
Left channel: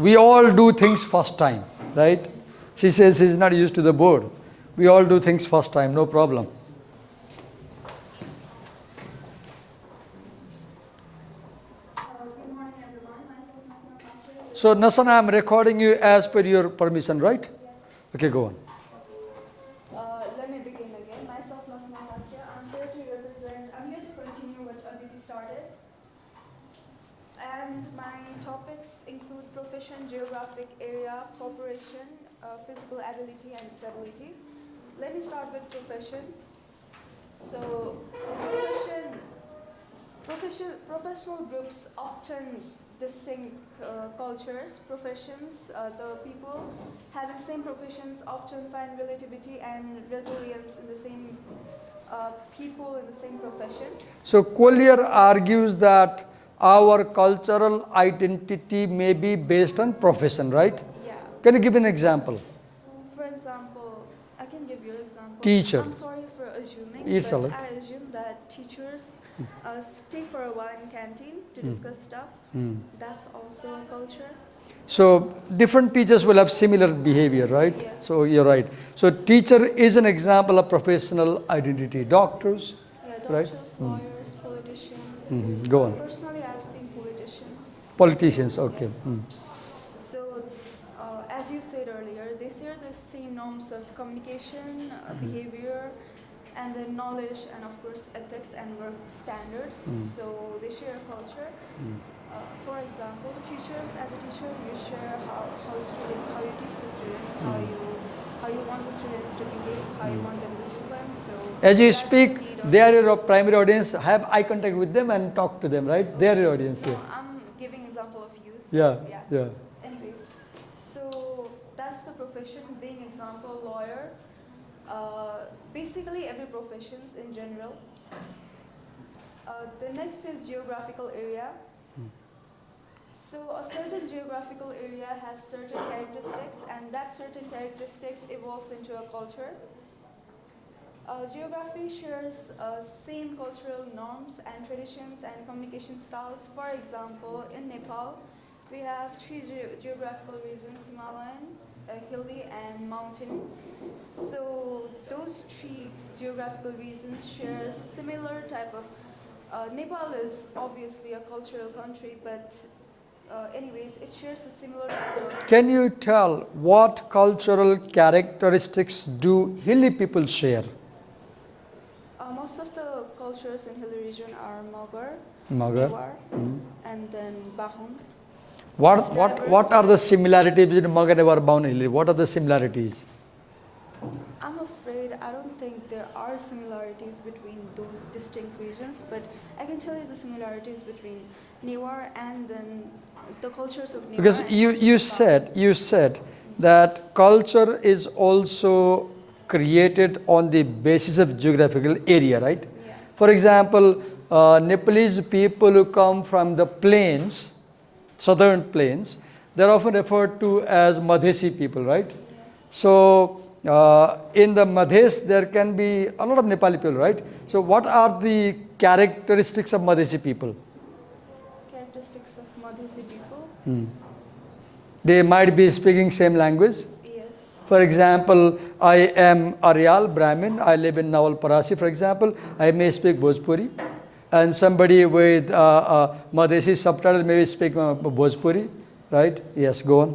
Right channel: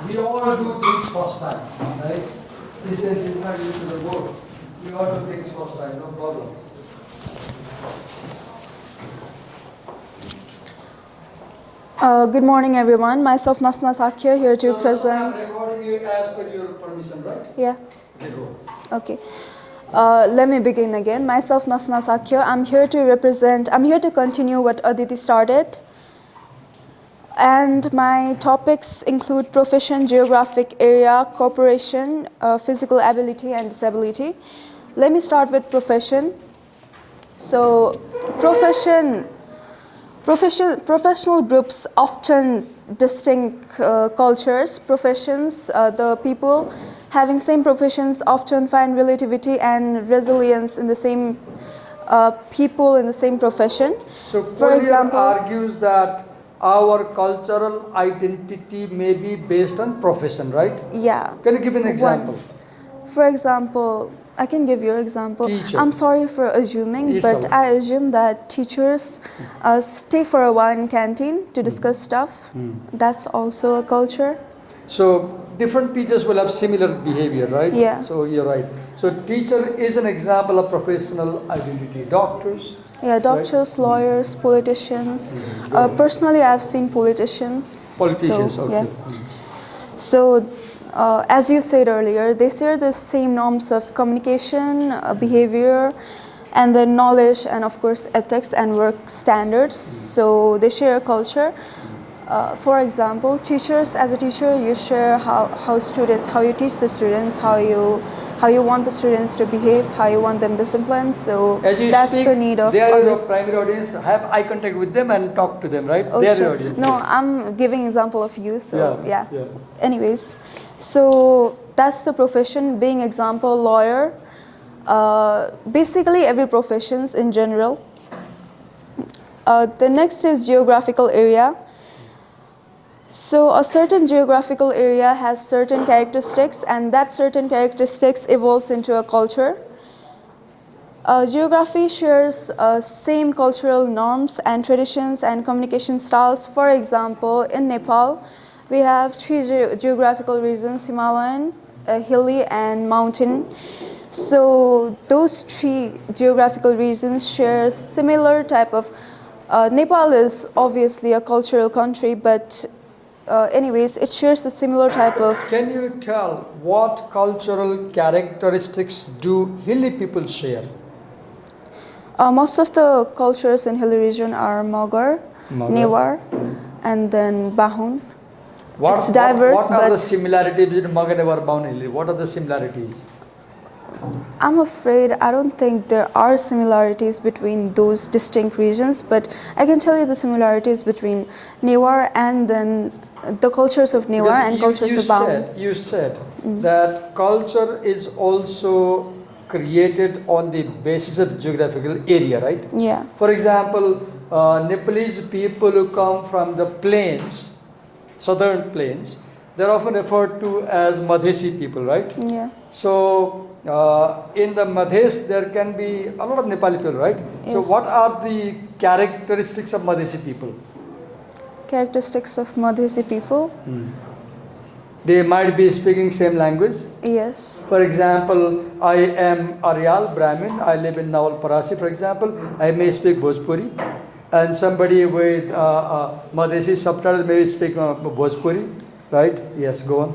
We all do things first time, right? She says she's not used to the board. We all do things first time, no problem. Good morning, everyone. Myself, Nasna Sakya, here So to Nasana, I'm present. recording you as per your permission, right? Yeah. Okay, go on. Okay. Let me begin again. Myself, Nasna Sakya. I'm here to continue what Aditi started. And my topics include profession, geographic area, cooperation, physical ability, and disability. Let me start with profession. So, professional groups often distinct cultures, professions. The people having same professions often find relativity and resilience in the same people in the same profession. So For Collier example- argues that our cultural identity may be based on profession, right? Yeah. Can you give an example? For example, I can give you an example. Teacher. I'm sorry for assuming, It's but alright. I assume that teachers stay for a while in canteen to discuss stuff. That's also a culture. So different teachers will have similar behavior, right? Yeah. So you're right. So teacher is an example of professional identity. Doctors. Yeah, doctors, lawyers, politicians. Go on. Personally, I've seen politicians. Politicians, so, okay. Yeah. So, as you said earlier, they share the same norms of communication, behavior, and then knowledge, and of course ethics and work standards. So they share a culture. For example, teachers, as a teacher, you share how you teach the students, how you want the students to behave, how you want them disciplined. So As you that's speak, the need of they are your others. primary audience. Have eye contact with them and talk to them, right? Oh, they are sure. your audience. No, I'm giving example of you. So Yeah, yeah. yeah. Anyways, so that's the profession. Being example, lawyer. Basically, every professions in general. The next is geographical area. So a certain geographical area has certain characteristics, and that certain characteristics evolves into a culture. Geography shares same cultural norms and traditions and communication styles. For example, in Nepal, we have three geographical regions: Himalayan, hilly, and mountain. So those three geographical regions share similar type of. Nepal is obviously a cultural country, but anyways, it shares a similar type of. Can you tell what cultural characteristics do hilly people share? Most of the cultures in hilly region are Mogar, Newar, and then Bahun. It's diverse, what are the but- similarities between Mogar and Bahun Hilly? What are the similarities? I'm afraid I don't think there are similarities between those distinct regions, but I can tell you the similarities between Newar and then the cultures of Newar and cultures of Bahun. You said that culture is also created on the basis of geographical area, right? Yeah. For example, Nepalese people who come from the plains, southern plains, they're often referred to as Madhesi people, right? Yeah. So in the Madhes, there can be a lot of Nepali people, right? So Yes. what are the characteristics of Madhesi people? Characteristics of Madhesi people. They might be speaking same language. Yes. For example, I am Aryal Brahmin. I live in Nawalparasi, for example. I may speak Bhojpuri. And somebody with Madhesi subtitle may speak Bhojpuri, right? Yes, go on.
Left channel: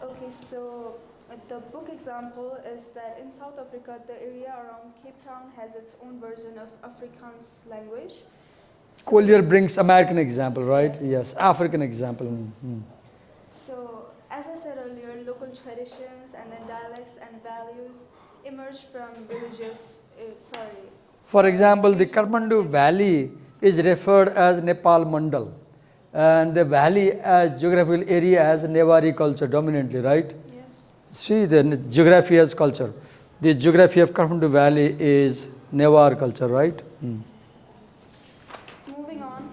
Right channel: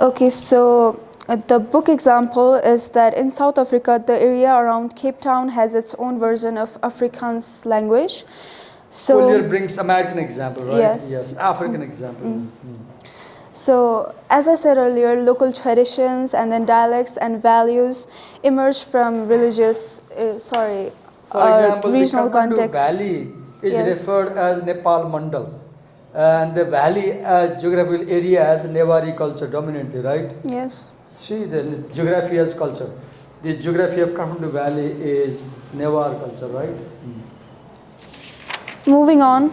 Okay, so the book example is that in South Africa, the area around Cape Town has its own version of Afrikaans language. So, Collier brings American example, right? Yes. African example. so as I said earlier, local traditions and then dialects and values emerge from religious, For example, the regional Kathmandu context. Valley is Yes. referred as Nepal Mandal. And the valley geographical area has Newari culture dominantly, right? Yes. See, the geography as culture. The geography of Kathmandu Valley is Newar culture, right? Moving on.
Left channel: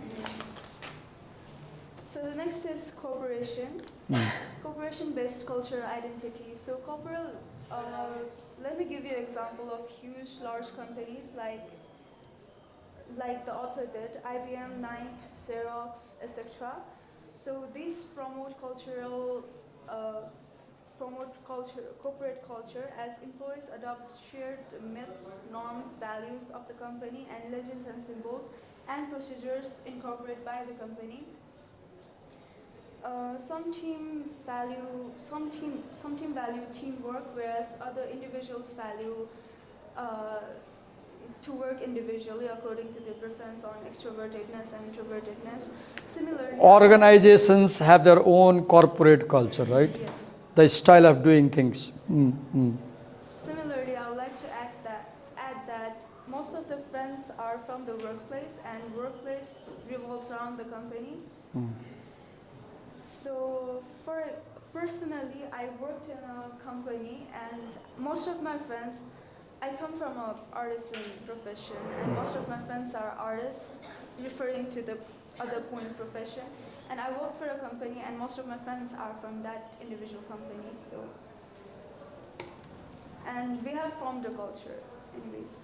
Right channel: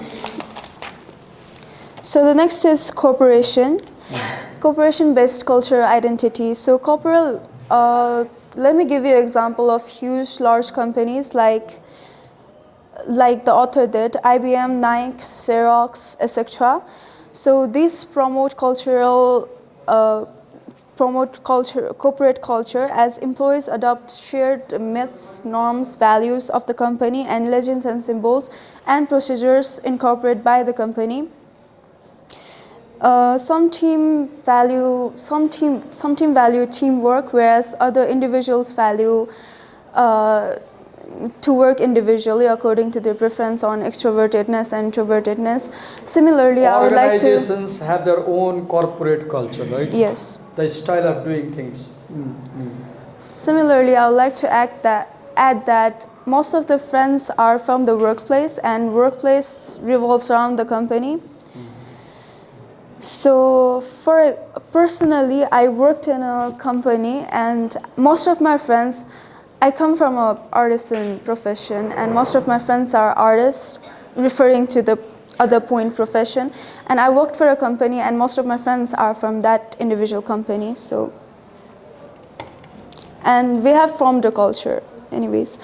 So the next is cooperation. Cooperation-based cultural identity. So let me give you an example of huge, large companies like the author did, IBM, Nike, Xerox, etc. So these promote corporate culture as employees adopt shared myths, norms, values of the company, and legends and symbols and procedures incorporated by the company. Some team value teamwork, whereas other individuals value to work individually according to their preference on extrovertedness and introvertedness. Similarly, Organizations have their own corporate culture, right? Yes. The style of doing things. Similarly, I would like to add that most of the friends are from the workplace, and workplace revolves around the company. So personally, I worked in a company, and most of my friends, I come from an artisan profession, and most of my friends are artists, referring to the other point profession. And I worked for a company, and most of my friends are from that individual company. So, and we have formed a culture, anyways.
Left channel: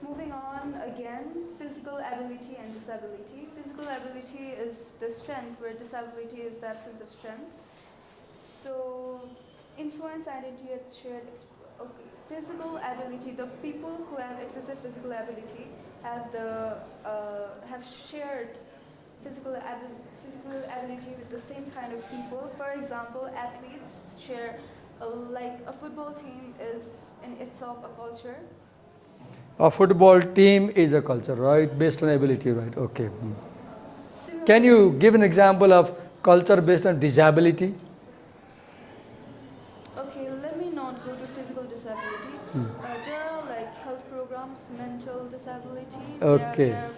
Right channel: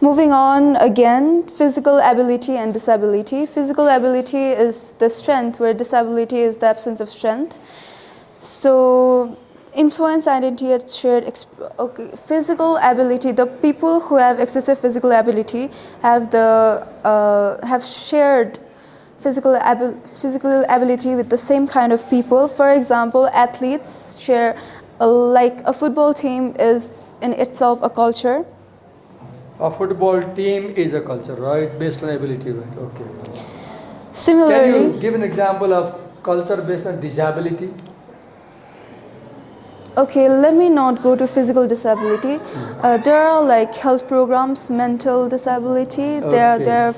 Moving on again, physical ability and disability. Physical ability is the strength, where disability is the absence of strength. So, influence, identity, and shared physical ability. The people who have excessive physical ability have shared physical ability with the same kind of people. For example, athletes share, like a football team is in itself a culture. A football team is a culture, right? Based on ability, right? Okay. Similarly, can you give an example of culture based on disability? Okay, let me not go to physical disability. There are like health programs, mental disability. There are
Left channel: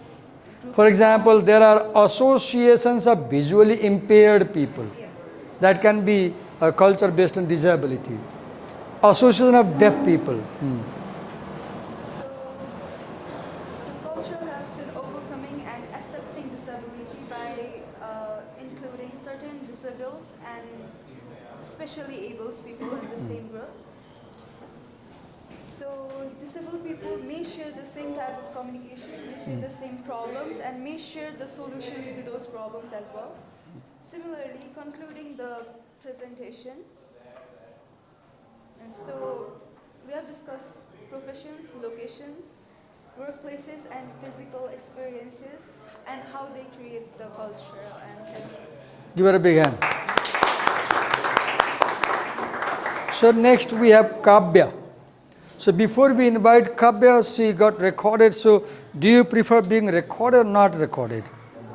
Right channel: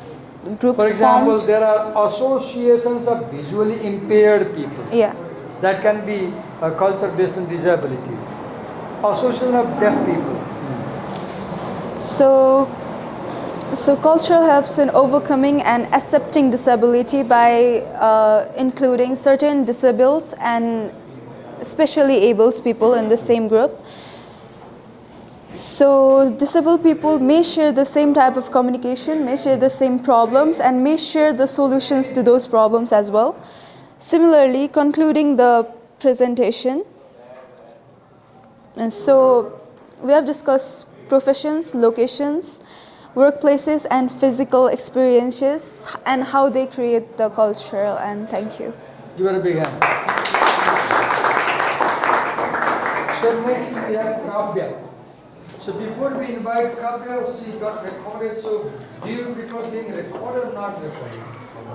groups. For example, formed. there are associations of visually impaired people. Yeah. That can be a culture based on disability. Association of deaf people. So culture helps in overcoming and accepting disability by including certain disabled and especially able people in the same group. So disabled people may share the same type of communication, may share the same problems, and may share the solutions to those problems as well. Similarly, concluding the presentation, and so we have discussed professions, locations, workplaces, and physical experiences, and how they create the culture. And thank you. Give her a big hand. So next we have Kavya. So before we invite Kavya, she got recorded. So do you prefer being recorded or not recorded?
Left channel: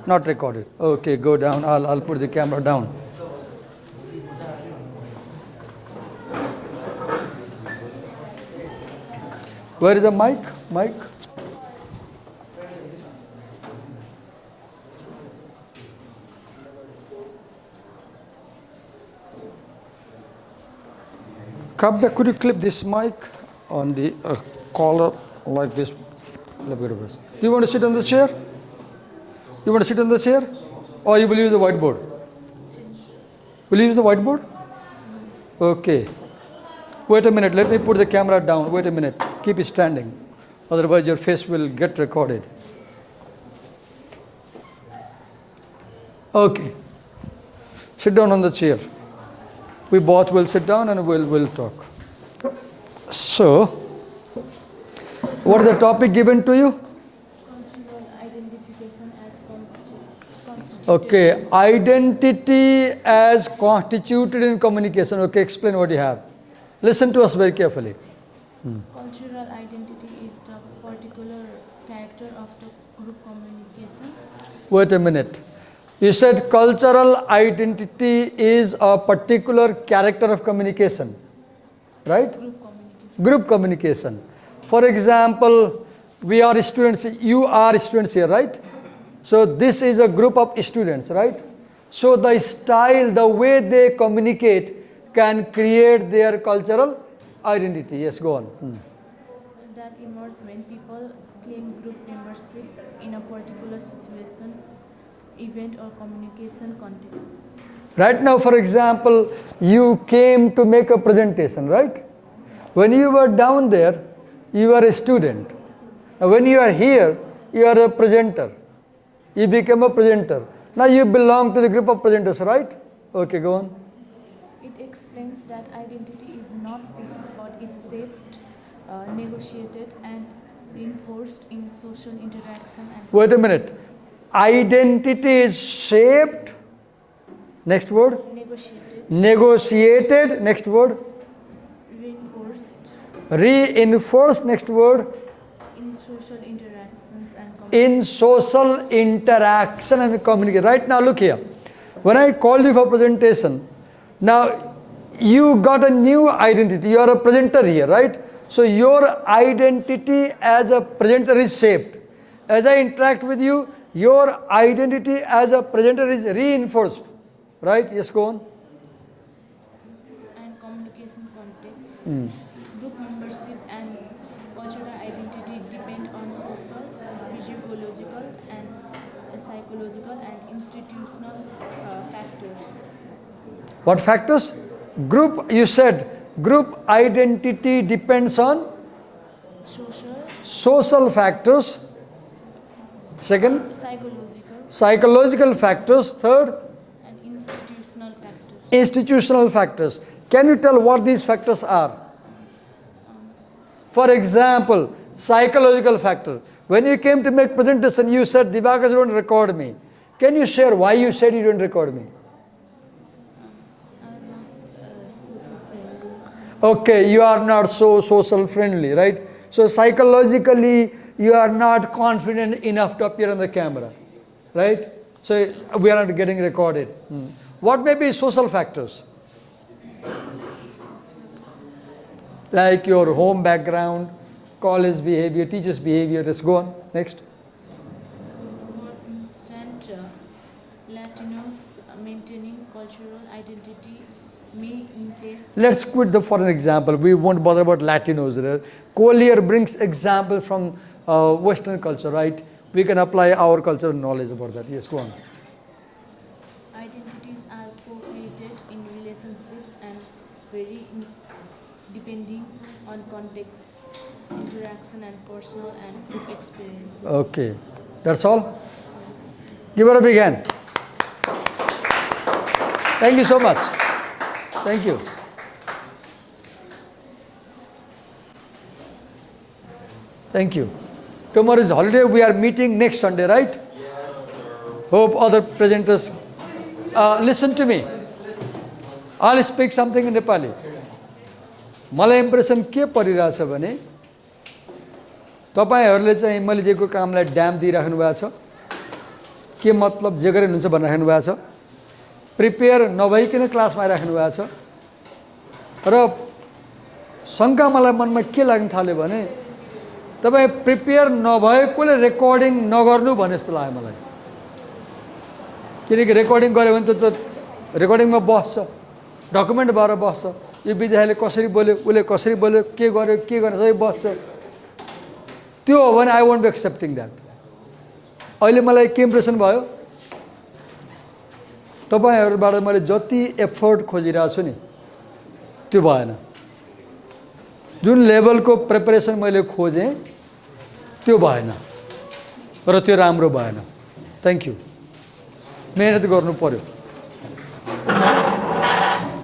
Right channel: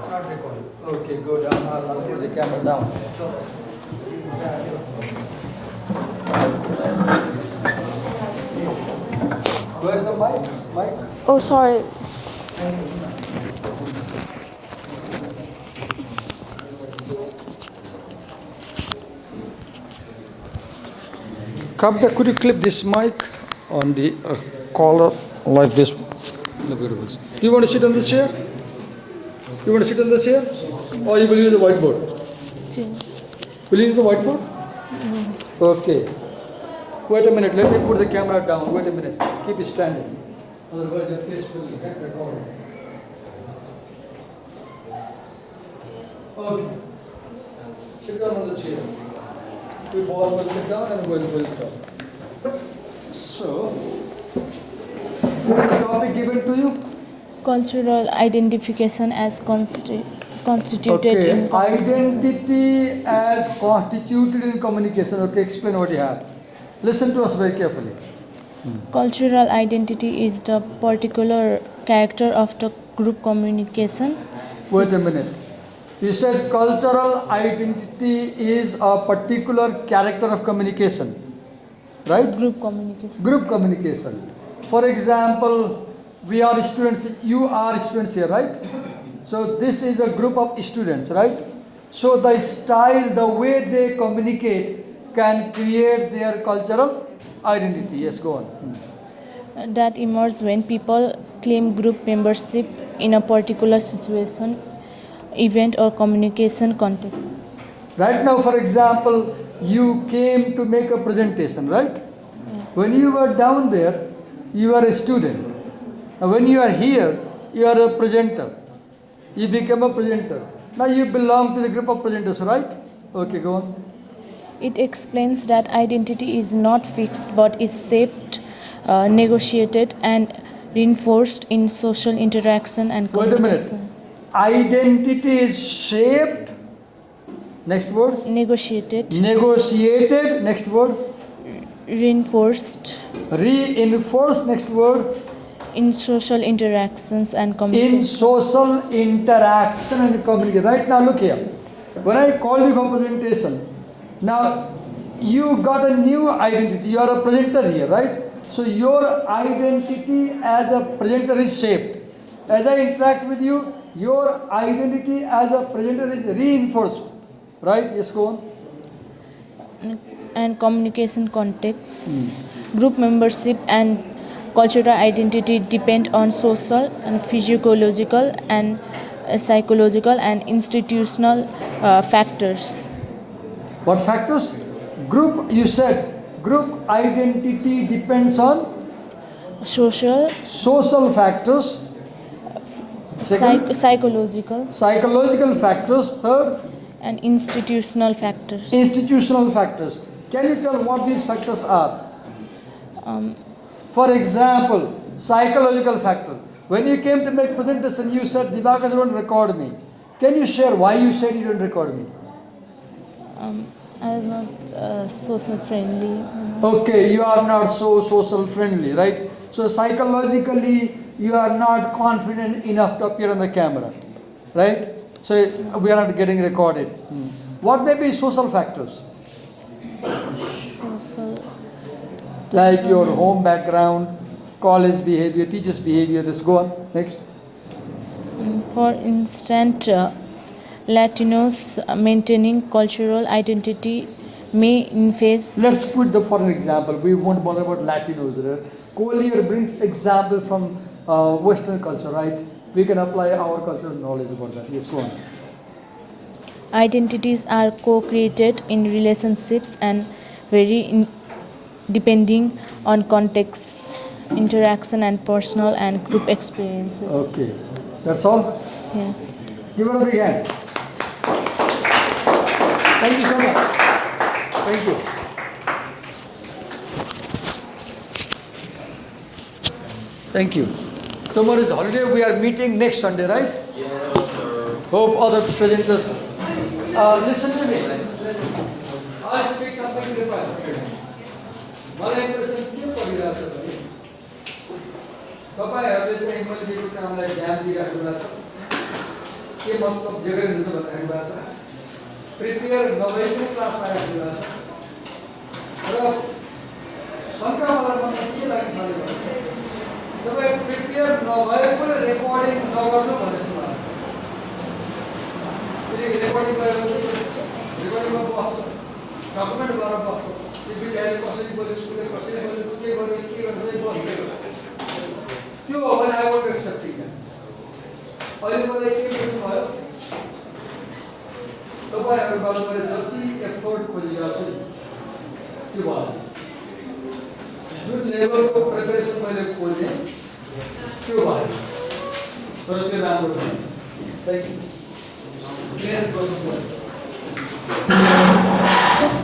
Not recorded. Okay, go down. I'll put the camera down. Where is the mic? Mic? Oh, sorry. Kavya, could you clip this mic on the collar like this? Look at this. Do you want to sit on the chair? You want to sit on the chair? Or you will use the whiteboard? Will you use the whiteboard? Okay. Wait a minute. Let me put the camera down. Wait a minute. Keep it standing. Otherwise your face will get recorded. Okay. Sit down on the chair. We both will sit down and we'll talk. So, what is the topic given to you? Cultural identification as constituted Okay, in identity as constituted in communication. Okay, explain what you have. Listen to us very carefully. cultural identity is the particular character of the group communication. Wait a minute. You said cultural identity is a particular character of communication, right? Group communication. Group communication. For example, we are students, you are students here, right? So this is a group of students, right? So the style, the way they communicate can create their cultural identity. Yes, go on. That emerges when people claim group membership in a particular situation, event, or communication context. Right now, for example, you came to make a presentation, right? When you were down there, you were a student. When you are here, you are a presenter. You become a presenter. Now you belong to the group of presenters, right? Okay, go on. It explains that identity is not fixed but is shaped, negotiated, and reinforced in social interaction and Wait a communication. minute. Identity is shaped. Next word. Negotiated, Negotiated. Next word. reinforced Reinforced. Next word. in social interactions and In communication. social interaction and communication. Right now, look here. When I called you for presentation, now you got a new identity. You are a presenter here, right? So your identity as a presenter is shaped. As I interact with you, your identity as a presenter is reinforced. Right? Yes, go on. And communication contexts, group membership and cultural identity depend on social and physiological and psychological and institutional factors. What factors? Group, you said, group identity depends on Social, social factors. Second, psychological, psychological factors. Third, and institutional factors. institutional factors. Can you tell what these factors are? For example, psychological factor. When you came to make presentation, you said, Divakas, you don't record me. Can you share why you said you don't record me? I was not social friendly. Okay, you are not so social friendly, right? So psychologically, you are not confident enough to appear on the camera, right? So we are not getting recorded. What may be social factors? Social, Like your home background, college behavior, teachers' behavior. Let's go on. Next. for instance, Latinos maintaining cultural identity may face. Let's quit the for an example. We won't bother about Latinos. Collier brings example from Western culture, right? We can apply our cultural knowledge about that. Yes, go on. Identities are co-created in relationships and depending on context, interaction, and personal and group experiences. Okay. That's all? Yeah. Give her a big hand. Thank you so much. Thank you. Thank you. Tomorrow is holiday. We are meeting next Sunday, right? Hope other presenters listen to me. I'll speak something in Nepali. मलाई impression के परिरहेछ भने तपाईहरुले चाहिँ मैले दिएको कामलाई dam दिइराख्नु भएको छ के मतलब जे गरे हुन्छ भनेर राख्नु भएको छ प्रिपेयर नभइकन क्लासमा राख्नु भएको छ र शंका मलाई मनमा के लाग्न थाल्यो भने तपाई प्रिपेयर नभएकोले रेकर्डिङ नगर्नु भने जस्तो लाग्यो किनकि रेकर्डिङ गर्यो भने त रेकर्डिङमा बस्छ डकुमेन्ट भएर बस्छ यो विद्यार्थीले कसरी बोल्यो उले कसरी बोल्यो के गर्यो के गर्न सबै बस्छ त्यो हो भने I won't B accepting that अहिले मलाई के इम्प्रेसन भयो तपाईहरुबाट मैले जति एफर्ट खोजिरहेको छु नि त्यो भएन जुन लेभलको प्रिपरेसन मैले खोजे त्यो भएन र त्यो राम्रो भएन थ्यांक यू मेहनत गर्नु पर्यो